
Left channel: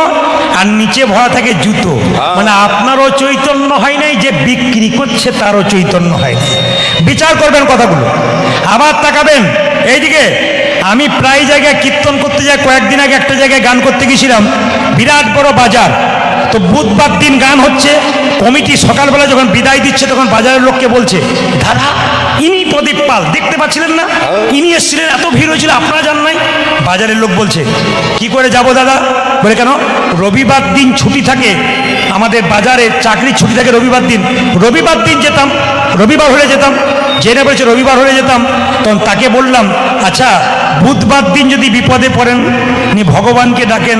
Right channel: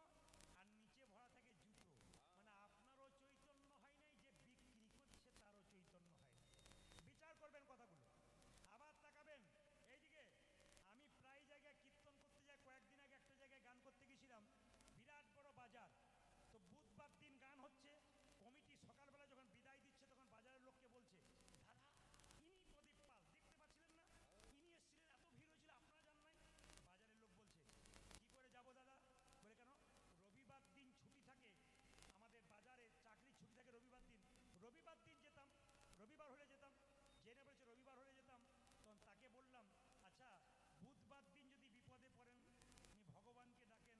আর নিচে ভরা থাকে জুতো। মানে আপনারও চৈতন্য হয় নাই, যে বিক্রি করছে তারও চৈতন্য হয় নাই। বিচার করবেন কথাগুলো। আবার তাকাবেন এইদিকে, আমি প্রায় জায়গায় কীর্তন করতে যাই। কয়েকদিন আগে একটা জায়গায় গান করতে গেছিলাম, বিরাট বড় বাজার। তো বুধবার দিন গান হচ্ছে, কমিটি সকালবেলা যখন বিদায় দিচ্ছে তখন বাজারের লোককে বলছে, দাদা ইনি প্রদীপ পাল, দেখতে পাচ্ছিলেন না? ইনি এসেছিলেন, এত ভিড় হয়েছিল, আপনারা যান নাই? বাজারের লোক বলছে, কি করে যাব দাদা? বলে, কেন? রবিবার দিন ছুটি থাকে আমাদের বাজারে, চাকরির ছুটি থাকে রবিবার দিন। রবিবার দিন যেতাম, রবিবার হলে যেতাম। জেনে বলেছে রবিবার হলে যেতাম। তখন তাকে বললাম, আচ্ছা বুধবার দিন যদি বিপদে পড়েন, নি ভগবানকে ডাকেন,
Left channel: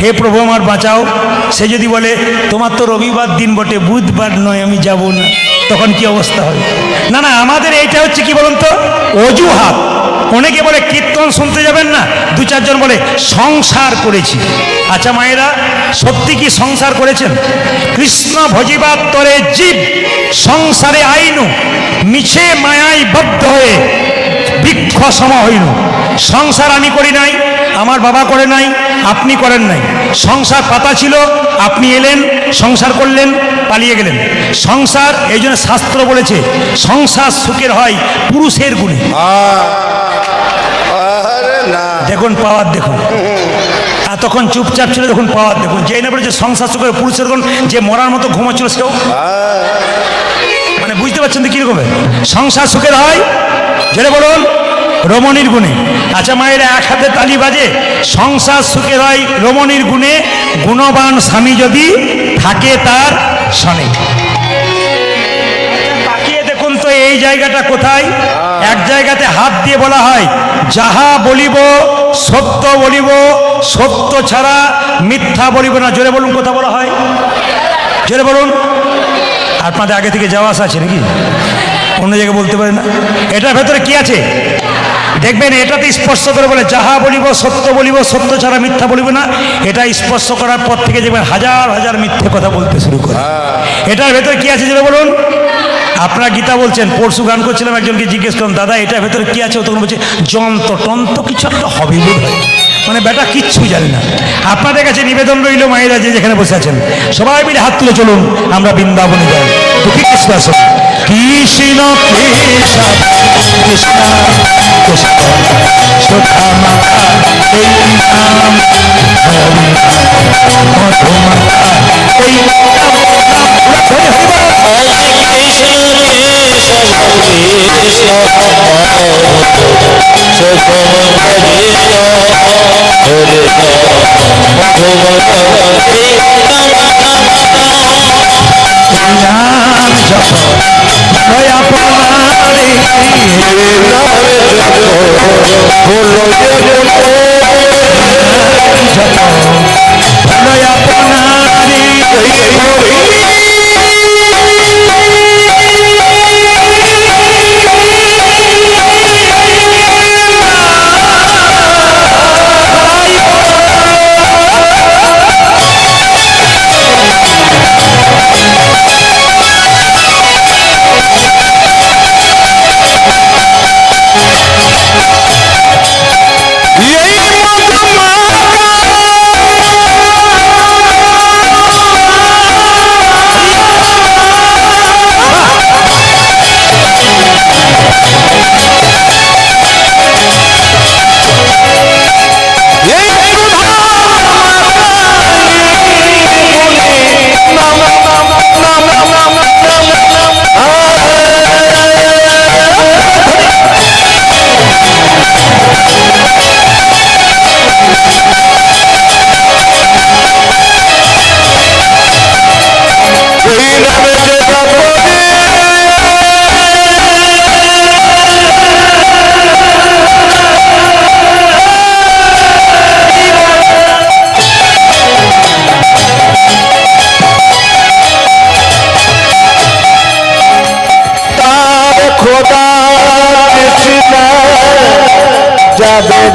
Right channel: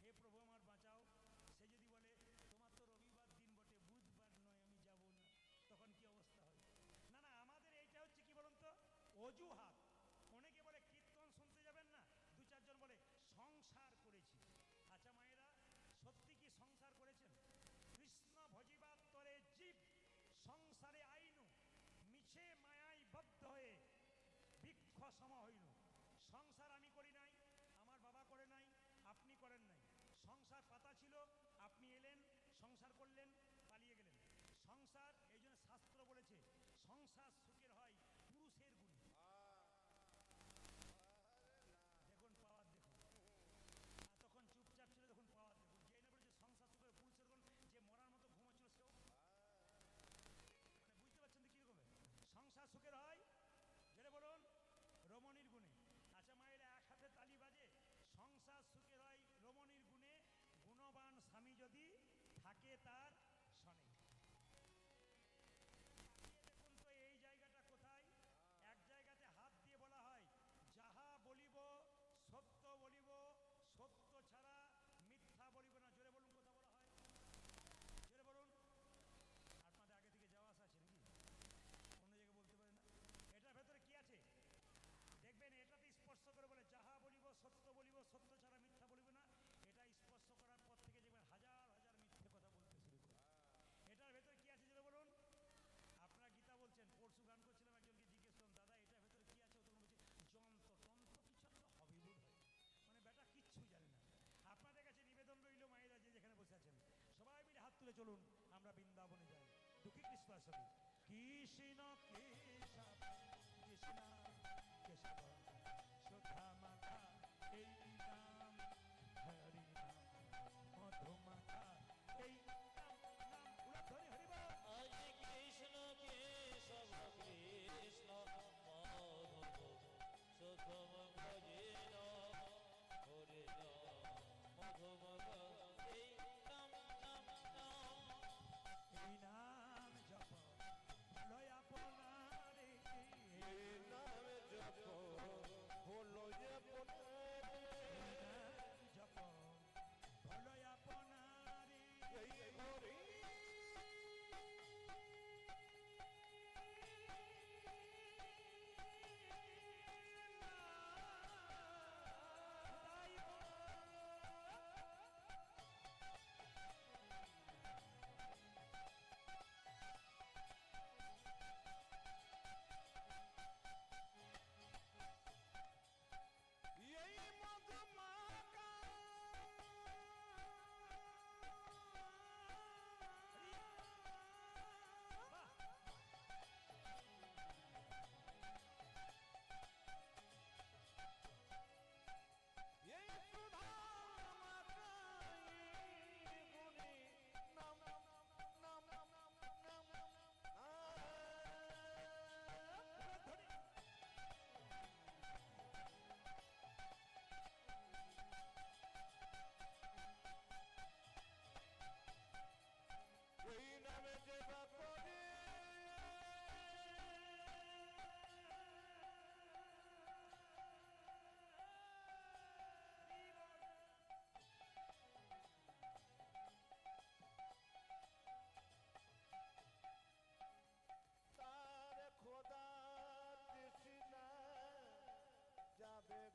হে প্রভু আমার বাঁচাও, সে যদি বলে তোমার তো রবিবার দিন বটে, বুধবার নয়, আমি যাব না, তখন কি অবস্থা হবে? না না, আমাদের এইটা হচ্ছে কি বলুন তো, অজুহাত। অনেকে বলে কীর্তন শুনতে যাবেন না, দু চারজন বলে সংসার করেছি। আচ্ছা মায়েরা, সত্যি কি সংসার করেছেন? কৃষ্ণ ভজিবার তরে জীব সংসারে আইনু, মিছে মায়াই বদ্ধ হয়ে বৃক্ষ সম হইনু। সংসার আমি করি নাই, আমার বাবা করে নাই, আপনি করেন নাই। সংসার পাতা ছিল, আপনি এলেন, সংসার করলেন, পালিয়ে গেলেন। সংসার, এই জন্য শাস্ত্র বলেছে সংসার সুখের হয় পুরুষের গুণে। আরে না, দেখুন পাওয়ার, দেখুন তখন চুপচাপ ছিল, দেখুন পাওয়ার দেখুন। যেই না বলেছে সংসার সুখের পুরুষের গুণ, যে মরার মতো ঘুমাচ্ছিল সেও, মানে বুঝতে পারছেন তো কিরকম সংসার সুখের হয়? যেটা বলুন রমণীর গুণে। আচ্ছা মায়ের এক হাতে তালি বাজে, সংসার সুখের হয় রমণীর গুণে, গুণবান স্বামী যদি থাকে তার সনে। তাকিয়ে দেখুন তো এই জায়গাটা কোথায়? এক জায়গাতে হাত দিয়ে বলা হয়, যাহা বলিব সত্য বলিব, সত্য ছাড়া মিথ্যা বলিব না। জোরে বলুন, কথা বলা হয়, জোরে বলুন। আপনাদের আগে থেকে যাওয়া আসা আছে নাকি? অন্য জায়গায় বলতে পারে না? এটার ভেতরে কি আছে দেখবেন, এটাতে স্পর্শ করে বলে যাহা বলিব সত্য বলিব, সত্য ছাড়া মিথ্যা বলিব না। এটা স্পর্শ করার পর থেকে দেখবেন হাজার হাজার মিথ্যে কথা বলতে শুরু করে। এটার ভেতরে কি আছে যেটা বলুন? আপনারা গীতা বলছেন, পরশু গান করছিলাম, একজনকে জিজ্ঞেস করলাম, দাদা এটার ভেতরে কি আছে? ও তখন বলছে যন্ত্র টন্ত্র কিছু একটা হবে বোধ হয়। মানে বেটা কিচ্ছু জানে না। আপনাদের কাছে নিবেদন রইল, মায়েরা যে যেখানে বসে আছেন সবাই মিলে হাত তুলে চলুন, আমরা বৃন্দাবনে যাই। দুঃখী কৃষ্ণ আসুন, কৃষ্ণ কৃষ্ণ কৃষ্ণ কৃষ্ণ সুধামাখা এই নাম, হরি মধুমাখা এই নাম, হরি হরি বল। নাম জপ দয়া প্রণালী, বলো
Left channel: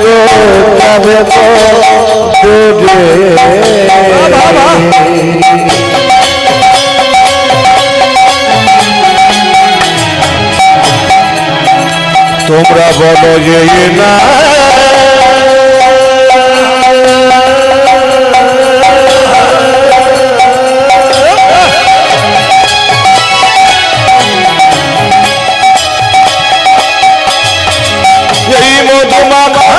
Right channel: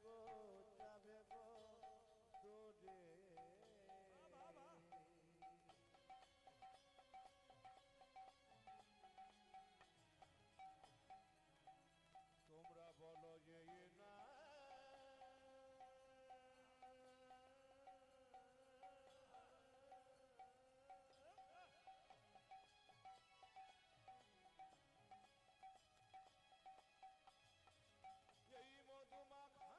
গো যাবে গো দূরে তোমরা বলো যে না এই মধুমাখা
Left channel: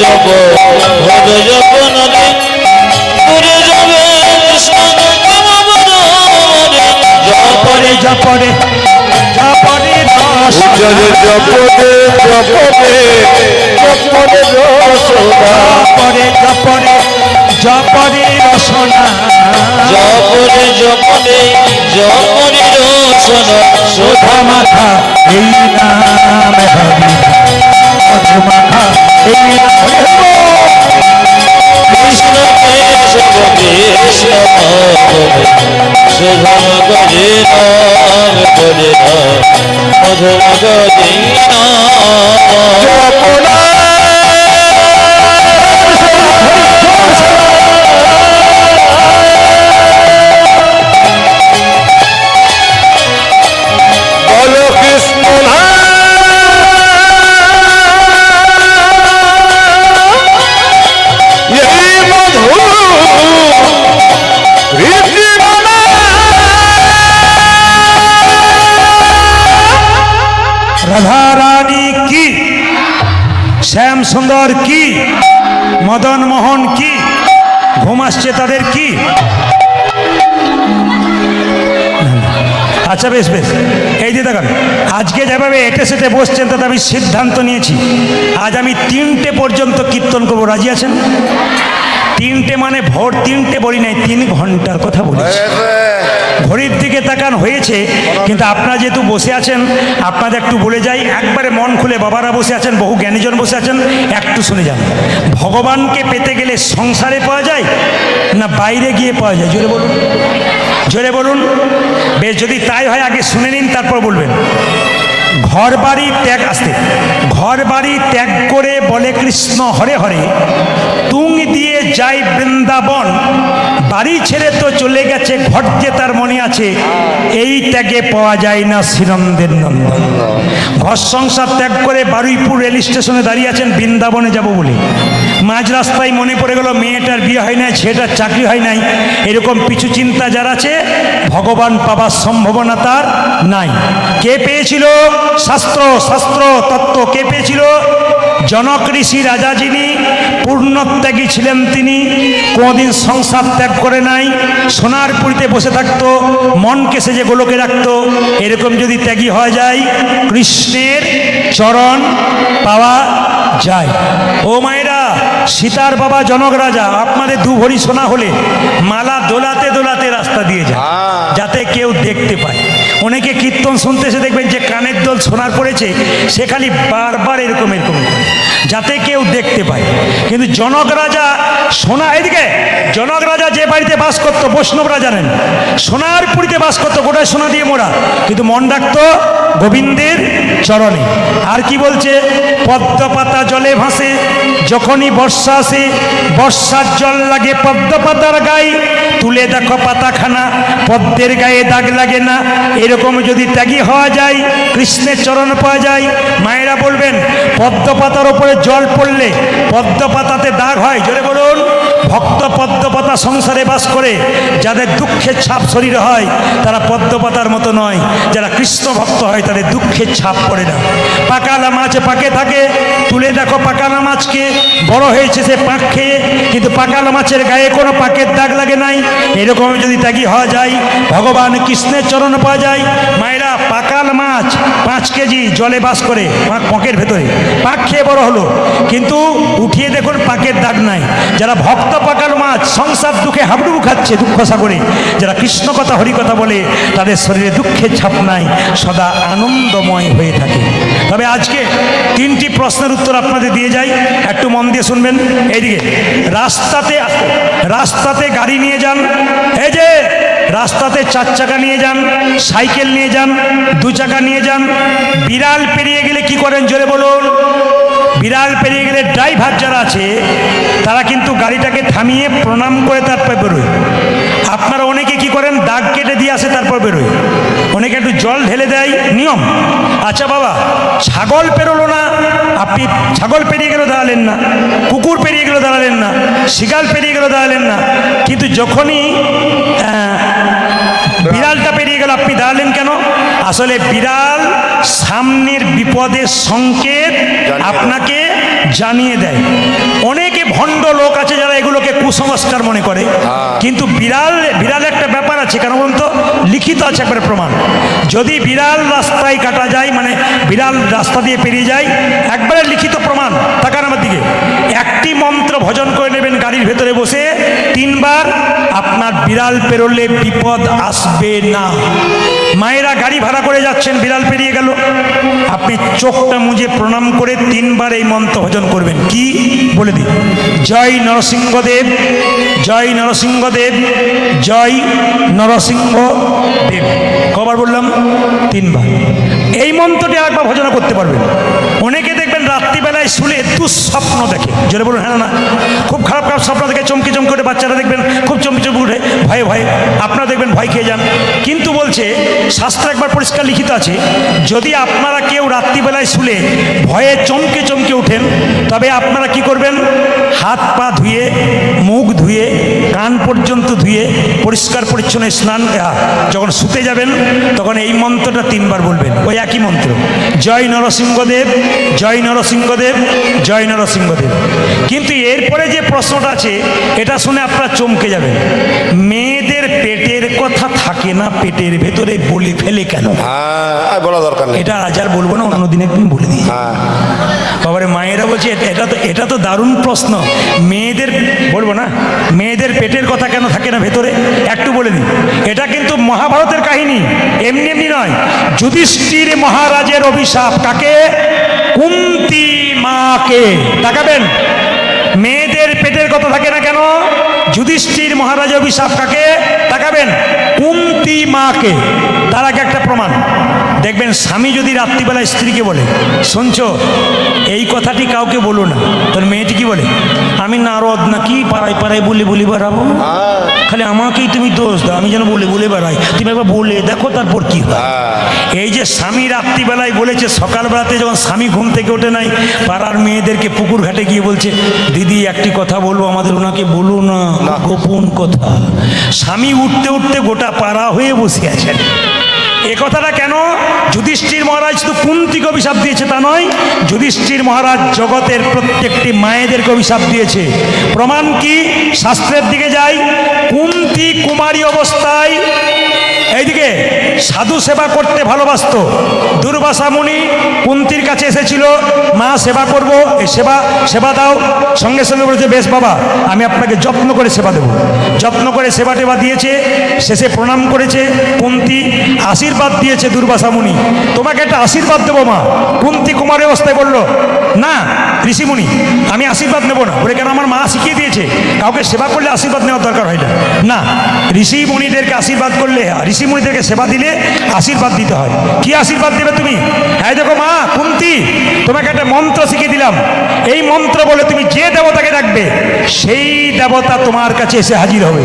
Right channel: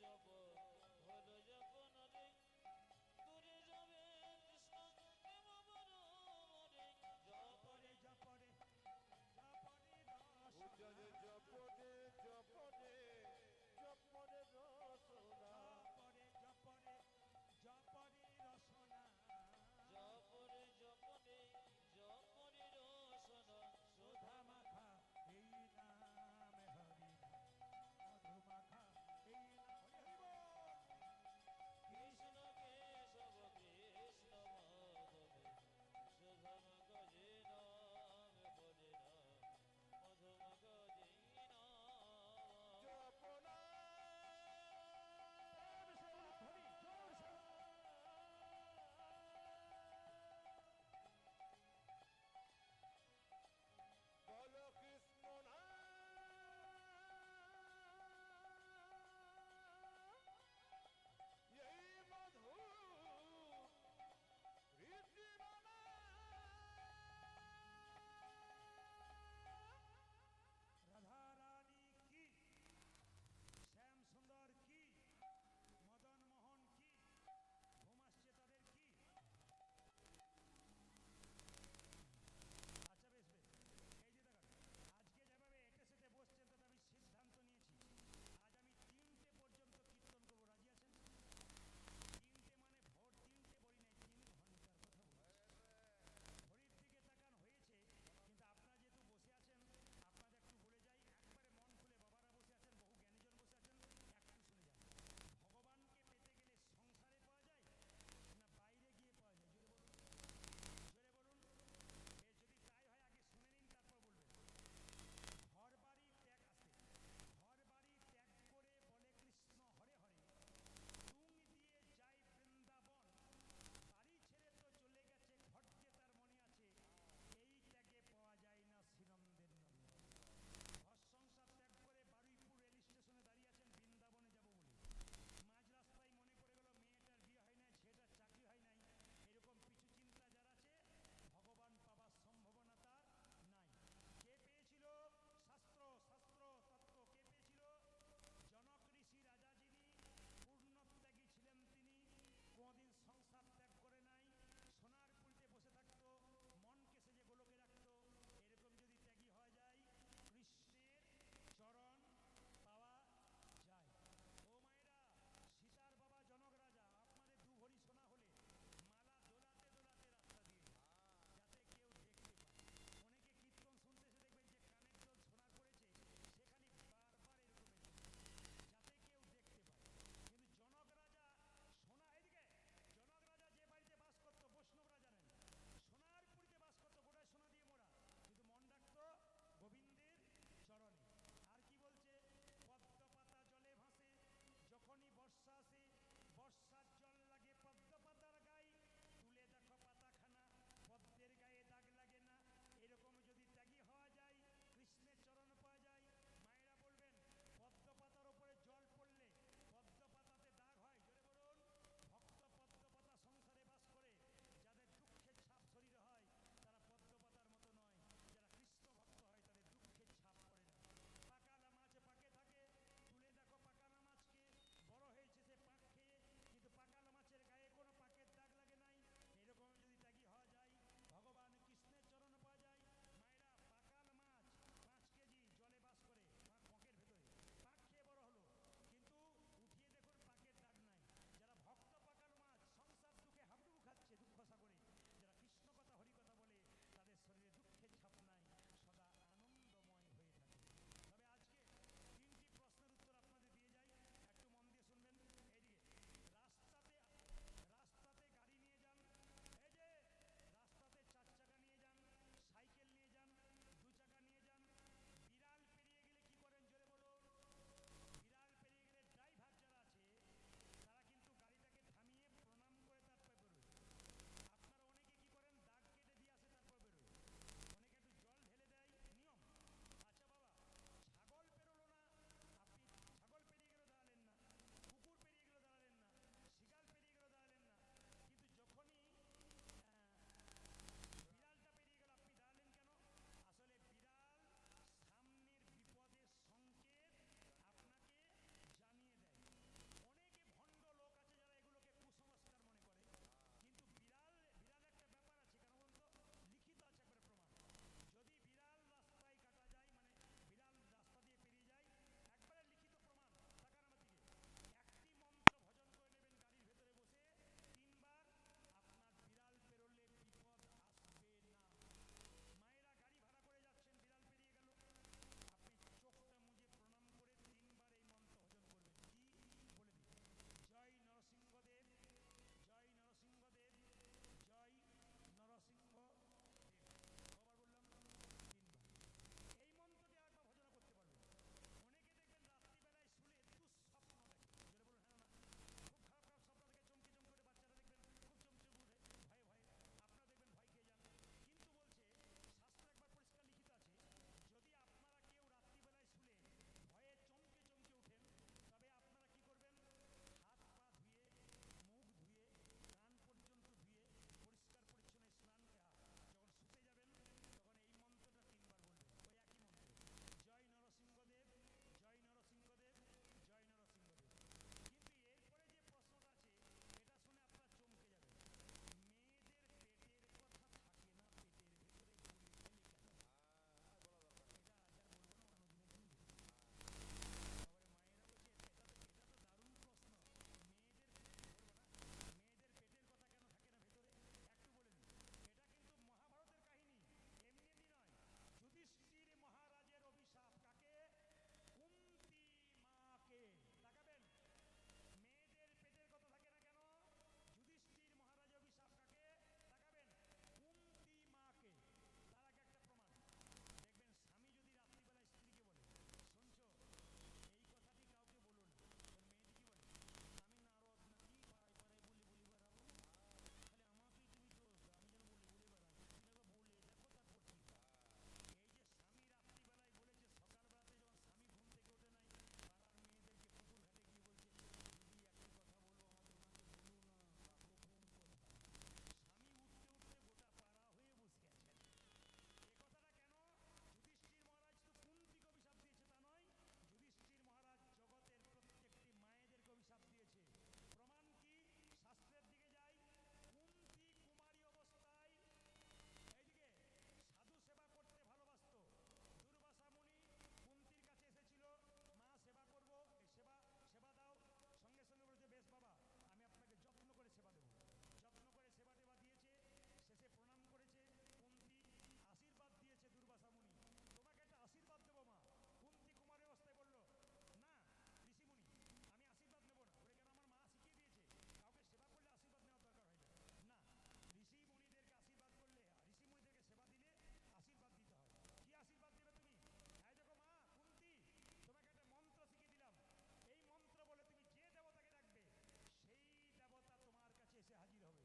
জপ ভজ জপ নদী পুরে যাবে জপরে জপরে জপরে উজ্জ্বলে জপদে জপদে জপদে রসনা জপরে জপরে জপরে রসনা জপরে জপরে জপরে রসন সোধা মাথা এই নাম হরি মধু মাথা এই নাম কৃষ্ণ কেশব কৃষ্ণ সুধম গজে নাম করে মধুম গজে জপনা বলো কৃষ্ণ না এই মধু রীতিমালা রাধা রানী কি, শ্যাম সুন্দর কি, মদন মোহন কি, ঘুম আসছে তাদের কি? আচ্ছা বেশ বেশ, এই যে দেখেন আজকে যেভাবে এটে সেটে বসছেন তাতে আমি সিদ্ধান্ত নিয়েছি আজ আমি 3টে পর্যন্ত কীর্তন করবো। রাজি আছেন? 3টে মানে ভোর 3টে বলি নাই, 3 ঘন্টার কথা বলেছি। ঘড়ির দিকে তাকান হয়েছে, কিন্তু আপনারা যেহেতু বসে আছেন আপনাদের একটু বলে যাই, একবারে মন খুলে, বাবারা বসে আছেন, বহু জ্ঞানীজন বসে আছেন, একটু শুনে যান। ভগবানকে পেতে গেলে সংসারে পাওয়া যায় না বাইরে গিয়ে পাওয়া যায়? জোরে বলুন, জোরে বলুন। বেশ, যদি তাই হয় আগে শুনে নিন, তারপর বলবেন। ঘর বাড়ি ত্যাগ, আসতে, ঘর বাড়ি ত্যাগ করে বলে কৃষ্ণ হরে হরে, তুং দিয়ে যাই বৃন্দাবন, বাড়ি ছেড়ে তো চলে গেছে ঘর যে তার মনে আছে, এই ত্যাগে পাওয়া যায় না শ্রীনন্দের নন্দন। ঘর সংসার ত্যাগ করে বারুইপুর রেল স্টেশনে দাঁড়িয়ে আছেন বৃন্দাবনে যাব বলে, মাঝ রাস্তায় মনে পড়ে গেল মেয়েটার বিয়ে হয় নাই, ছেলেটার চাকরি হয় নাই, এরকম পিছু চিন্তা যার আছে ভগবান পাবার সম্ভাবনা তার নাই। কে পেয়েছিল? শাস্ত্র, শাস্ত্র তত্ত্ব কে পেয়েছিল? জনক ঋষি রাজা, যিনি পূর্ণত্যাগী ছিলেন, তিনি কোনোদিন সংসার ত্যাগ করে নাই, সোনার পুরীতে বসে থাকতো, মনকে সেজে গোলকে রাখতো। এরকম যদি ত্যাগী হয়ে যায় কৃষ্ণের চরণ পাওয়া যায়। ও মায়েরা, সীতার বাবা জনক রাজা আপনাদের 2 ভরি সোনা হলে মালা দোলাতে দোলাতে রাস্তা দিয়ে যায় যাতে কেউ দেখতে পায়। অনেকে কীর্তন শুনতে এসে দেখবেন যে কানের দোল সোনার পড়েছে, সে খালি বারবার এরকম এরকম যাতে কেউ দেখতে পায়। কিন্তু জনক রাজা সোনা, এদিকে জনক রাজা যে বাড়িতে বাস করতো, বৈষ্ণবরা জানেন, সোনার পুরীতে বাস করতো, গোটায় সোনা দিয়ে মোড়া, কিন্তু মন রাখতো গোবিন্দের চরণে। আর কি বলছে? পদ্ম পাতা জলে ভাসে, যখনই বর্ষা আসে, বর্ষার জল লাগে পদ্ম পাতার গায়ে, তুলে দেখো পাতাখানা, পদ্মের গায়ে দাগ লাগে না। এরকম যদি ত্যাগী হওয়া যায় কৃষ্ণের চরণ পাওয়া যায়। মায়েরা বলবেন পদ্ম পাতার ওপরে জল পড়লে পদ্ম পাতাতে দাগ হয়? জোরে বলুন। ভক্ত পদ্ম পাতা সংসারে বাস করে, যাদের দুঃখের ছাপ শরীরে হয় তারা পদ্ম পাতার মতো নয়, যারা কৃষ্ণ ভক্ত হয় তাদের দুঃখের ছাপ পড়ে না। পাকালা মাছ পাকে থাকে, তুলে দেখো পাকালা মাছকে, বড় হয়েছে সে পাক খেয়ে, কিন্তু পাকালা মাছের গায়ে কোনো পাকের দাগ লাগে নাই। এরকম যদি ত্যাগী হওয়া যায় ভগবান কৃষ্ণের চরণ পাওয়া যায়। মায়েরা, পাকাল মাছ 5 কেজি জলে বাস করে পাঁকের ভেতরে, পাক খেয়ে বড় হলো, কিন্তু উঠিয়ে দেখুন পাকের দাগ নাই। যারা ভক্ত পাকাল মাছ সংসার দুঃখে হাবুডুবু খাচ্ছে দুঃখ সাগরে, যারা কৃষ্ণ কথা হরি কথা বলে তাদের শরীরে দুঃখের ছাপ নাই, সদা আনন্দময় হয়ে থাকে। তবে আজকে 3টি প্রশ্নের উত্তর আপনাদের দিয়ে যাই, একটু মন দিয়ে শুনবেন। এইদিকে রাস্তাতে গাড়ি নিয়ে যান, এই যে রাস্তাতে 4 চাকা নিয়ে যান, সাইকেল নিয়ে যান, 2 চাকা নিয়ে যান, বিড়াল পেরিয়ে গেলে কি করেন জোরে বলুন? বিড়াল পেরিয়ে গেলে ড্রাইভার যারা আছে তারা কিন্তু গাড়িটাকে থামিয়ে প্রণাম করে তারপর বেরোয়। আপনারা অনেকে কি করেন, দাগ কেটে দিয়ে আসে তারপর বেরোয়, অনেকে একটু জল ঢেলে দেয়, নিয়ম। আচ্ছা বাবা, ছাগল পেরোলো না, আপনি ছাগল পেরিয়ে গেলেও দাঁড়ালেন না, কুকুর পেরিয়ে গেলেও দাঁড়ালেন না, শিগাল পেরিয়ে গেলেও দাঁড়ালেন না, কিন্তু যখনই বিড়ালটা পেরিয়ে গেল আপনি দাঁড়ালেন কেন? আসলে বিড়াল সামনের বিপদের সংকেত আপনাকে জানিয়ে দেয়। অনেকে ভণ্ড লোক আছে যারা এগুলোকে কুসংস্কার মনে করে, কিন্তু বিড়াল একটা ব্যাপার আছে, কেন বলুন তো? লিখিত আছে একবারে প্রমাণ। যদি বিড়াল রাস্তায় কাটা যায়, মানে বিড়াল রাস্তা দিয়ে পেরিয়ে যায়, একবারে লিখিত প্রমাণ। তাকান আমার দিকে, একটি মন্ত্র ভজন করে নেবেন গাড়ির ভেতরে বসে 3 বার, আপনার বিড়াল পেরোলে বিপদ আসবে না। মায়েরা গাড়ি ভাড়া করে যাচ্ছেন, বিড়াল পেরিয়ে গেল, আপনি চোখটা মুজে প্রণাম করে 3 বার এই মন্ত্র ভজন করবেন। কি বলে দিন? জয় নরসিংহদেব, জয় নরসিংহদেব, জয় নরসিংহদেব। কবার বললাম? 3 বার। এই মন্ত্রটি একবার ভজন করতে পারবেন। অনেকে দেখবেন রাত্রিবেলায় শুলে দুঃস্বপ্ন দেখে, জোরে বলুন হ্যাঁ না? খুব খারাপ খারাপ স্বপ্ন দেখে, চমকে চমকে ওঠে, বাচ্চারা দেখবেন খুব চমকে চমকে উঠে, ভয়ে ভয়ে, আপনারা দেখবেন ভয় খেয়ে যান। কিন্তু বলছে শাস্ত্র একবার পরিষ্কার লিখিত আছে, যদি আপনারা কেউ রাত্রিবেলায় শুলে ভয়ে চমকে চমকে ওঠেন, তবে আপনারা কি করবেন? হাত পা ধুয়ে, মুখ ধুয়ে, কান পর্যন্ত ধুয়ে, পরিষ্কার পরিচ্ছন্ন স্নান, যখন শুতে যাবেন তখন এই মন্ত্রটা 3 বার বলবেন, ওই একই মন্ত্র, জয় নরসিংহদেব, জয় নরসিংহদেব, জয় নরসিংহদেব। কিন্তু এরপরে যে প্রশ্নটা আছে এটা শুনে আপনারা চমকে যাবেন। মেয়েদের পেটের কথা থাকে না পেটের ভেতরে, বলে ফেলে কেন? বলা দরকার নেই, এটা আজ আর বলবো না, অন্যদিন একদিন বলে দিই। বাবারে মায়েরা বলছে এটা তো দারুণ প্রশ্ন। মেয়েদের বলবো না, মেয়েদের পেটের কথা কেন থাকে না ভেতরে, একটু বলে দিই। এটা কিন্তু মহাভারতের কাহিনী, এমনি এমনি নয়। যুধিষ্ঠির মহারাজের অভিশাপ কাকে? কুন্তী মাকে। তাকাবেন, মেয়েদের পেটের কথা থাকে না কেন? যুধিষ্ঠির মহারাজের অভিশাপ কাকে? তাকাবেন, কুন্তী মাকে। তার আগে একটা প্রমাণ দেখবেন, স্বামী যদি রাত্রিবেলায় স্ত্রীকে বলে, শুনছো এই কথাটি কাউকে বলো না, তোর মেয়েটি কি বলে? আমি নারদ নাকি পাড়ায় পাড়ায় বলে বেড়াবো, খালি আমাকেই তুমি দোষ দাও, আমি যেন বলে বেড়াই, তুমি একবার বলে দেখো তারপর কি হয়। এই যে স্বামী রাত্রিবেলায় বলেছে, সকালবেলাতে যখন স্বামী ঘুম থেকে ওঠে নাই, পাড়ার মেয়েদেরকে পুকুর ঘাটে গিয়ে বলছে, দিদি একটি কথা বলবো, আমাদের ওনাকে বলো না, গোপন কথা। স্বামী উঠতে উঠতে গোটা পাড়া হয়ে বসে আছেন। এ কথাটা কেন? যুধিষ্ঠির মহারাজ শুধু কুন্তিকে অভিশাপ দিয়েছে তা নয়, যুধিষ্ঠির মহারাজ জগতের প্রত্যেকটি মায়েদেরকে অভিশাপ দিয়েছে। প্রমাণ কি? শাস্ত্রের দিকে যাই। কুন্তী কুমারী অবস্থায় এইদিকে সাধু সেবা করতে ভালোবাসত। দুর্বাসা মুনি কুন্তির কাছে এসেছিল, মা সেবা করব, এই সেবা দাও। সঙ্গে সঙ্গে বলেছে, বেশ বাবা, আমি আপনাকে যত্ন করে সেবা দেবো। যত্ন করে সেবা টেবা দিয়েছে, শেষে প্রণাম করেছে কুন্তি, আশীর্বাদ দিয়েছে দুর্বাসা মুনি, তোমাকে একটা আশীর্বাদ দেবো মা। কুন্তি কুমারী অবস্থায় বলল, না ঋষিমুনি, আমি আশীর্বাদ নেবো না। বলে কেন? আমার মা শিখিয়ে দিয়েছে কাউকে সেবা করলে আশীর্বাদ নেওয়ার দরকার হয় না। না, ঋষি মুনিদেরকে আশীর্বাদ করলে, ঋষি মুনিদেরকে সেবা দিলে আশীর্বাদ দিতে হয়। কি আশীর্বাদ দেবে তুমি? হ্যাঁ দেখো মা কুন্তি, তোমাকে একটা মন্ত্র শিখিয়ে দিলাম, এই মন্ত্র বলে তুমি যে দেবতাকে ডাকবে সেই দেবতা তোমার কাছে এসে হাজির হবে।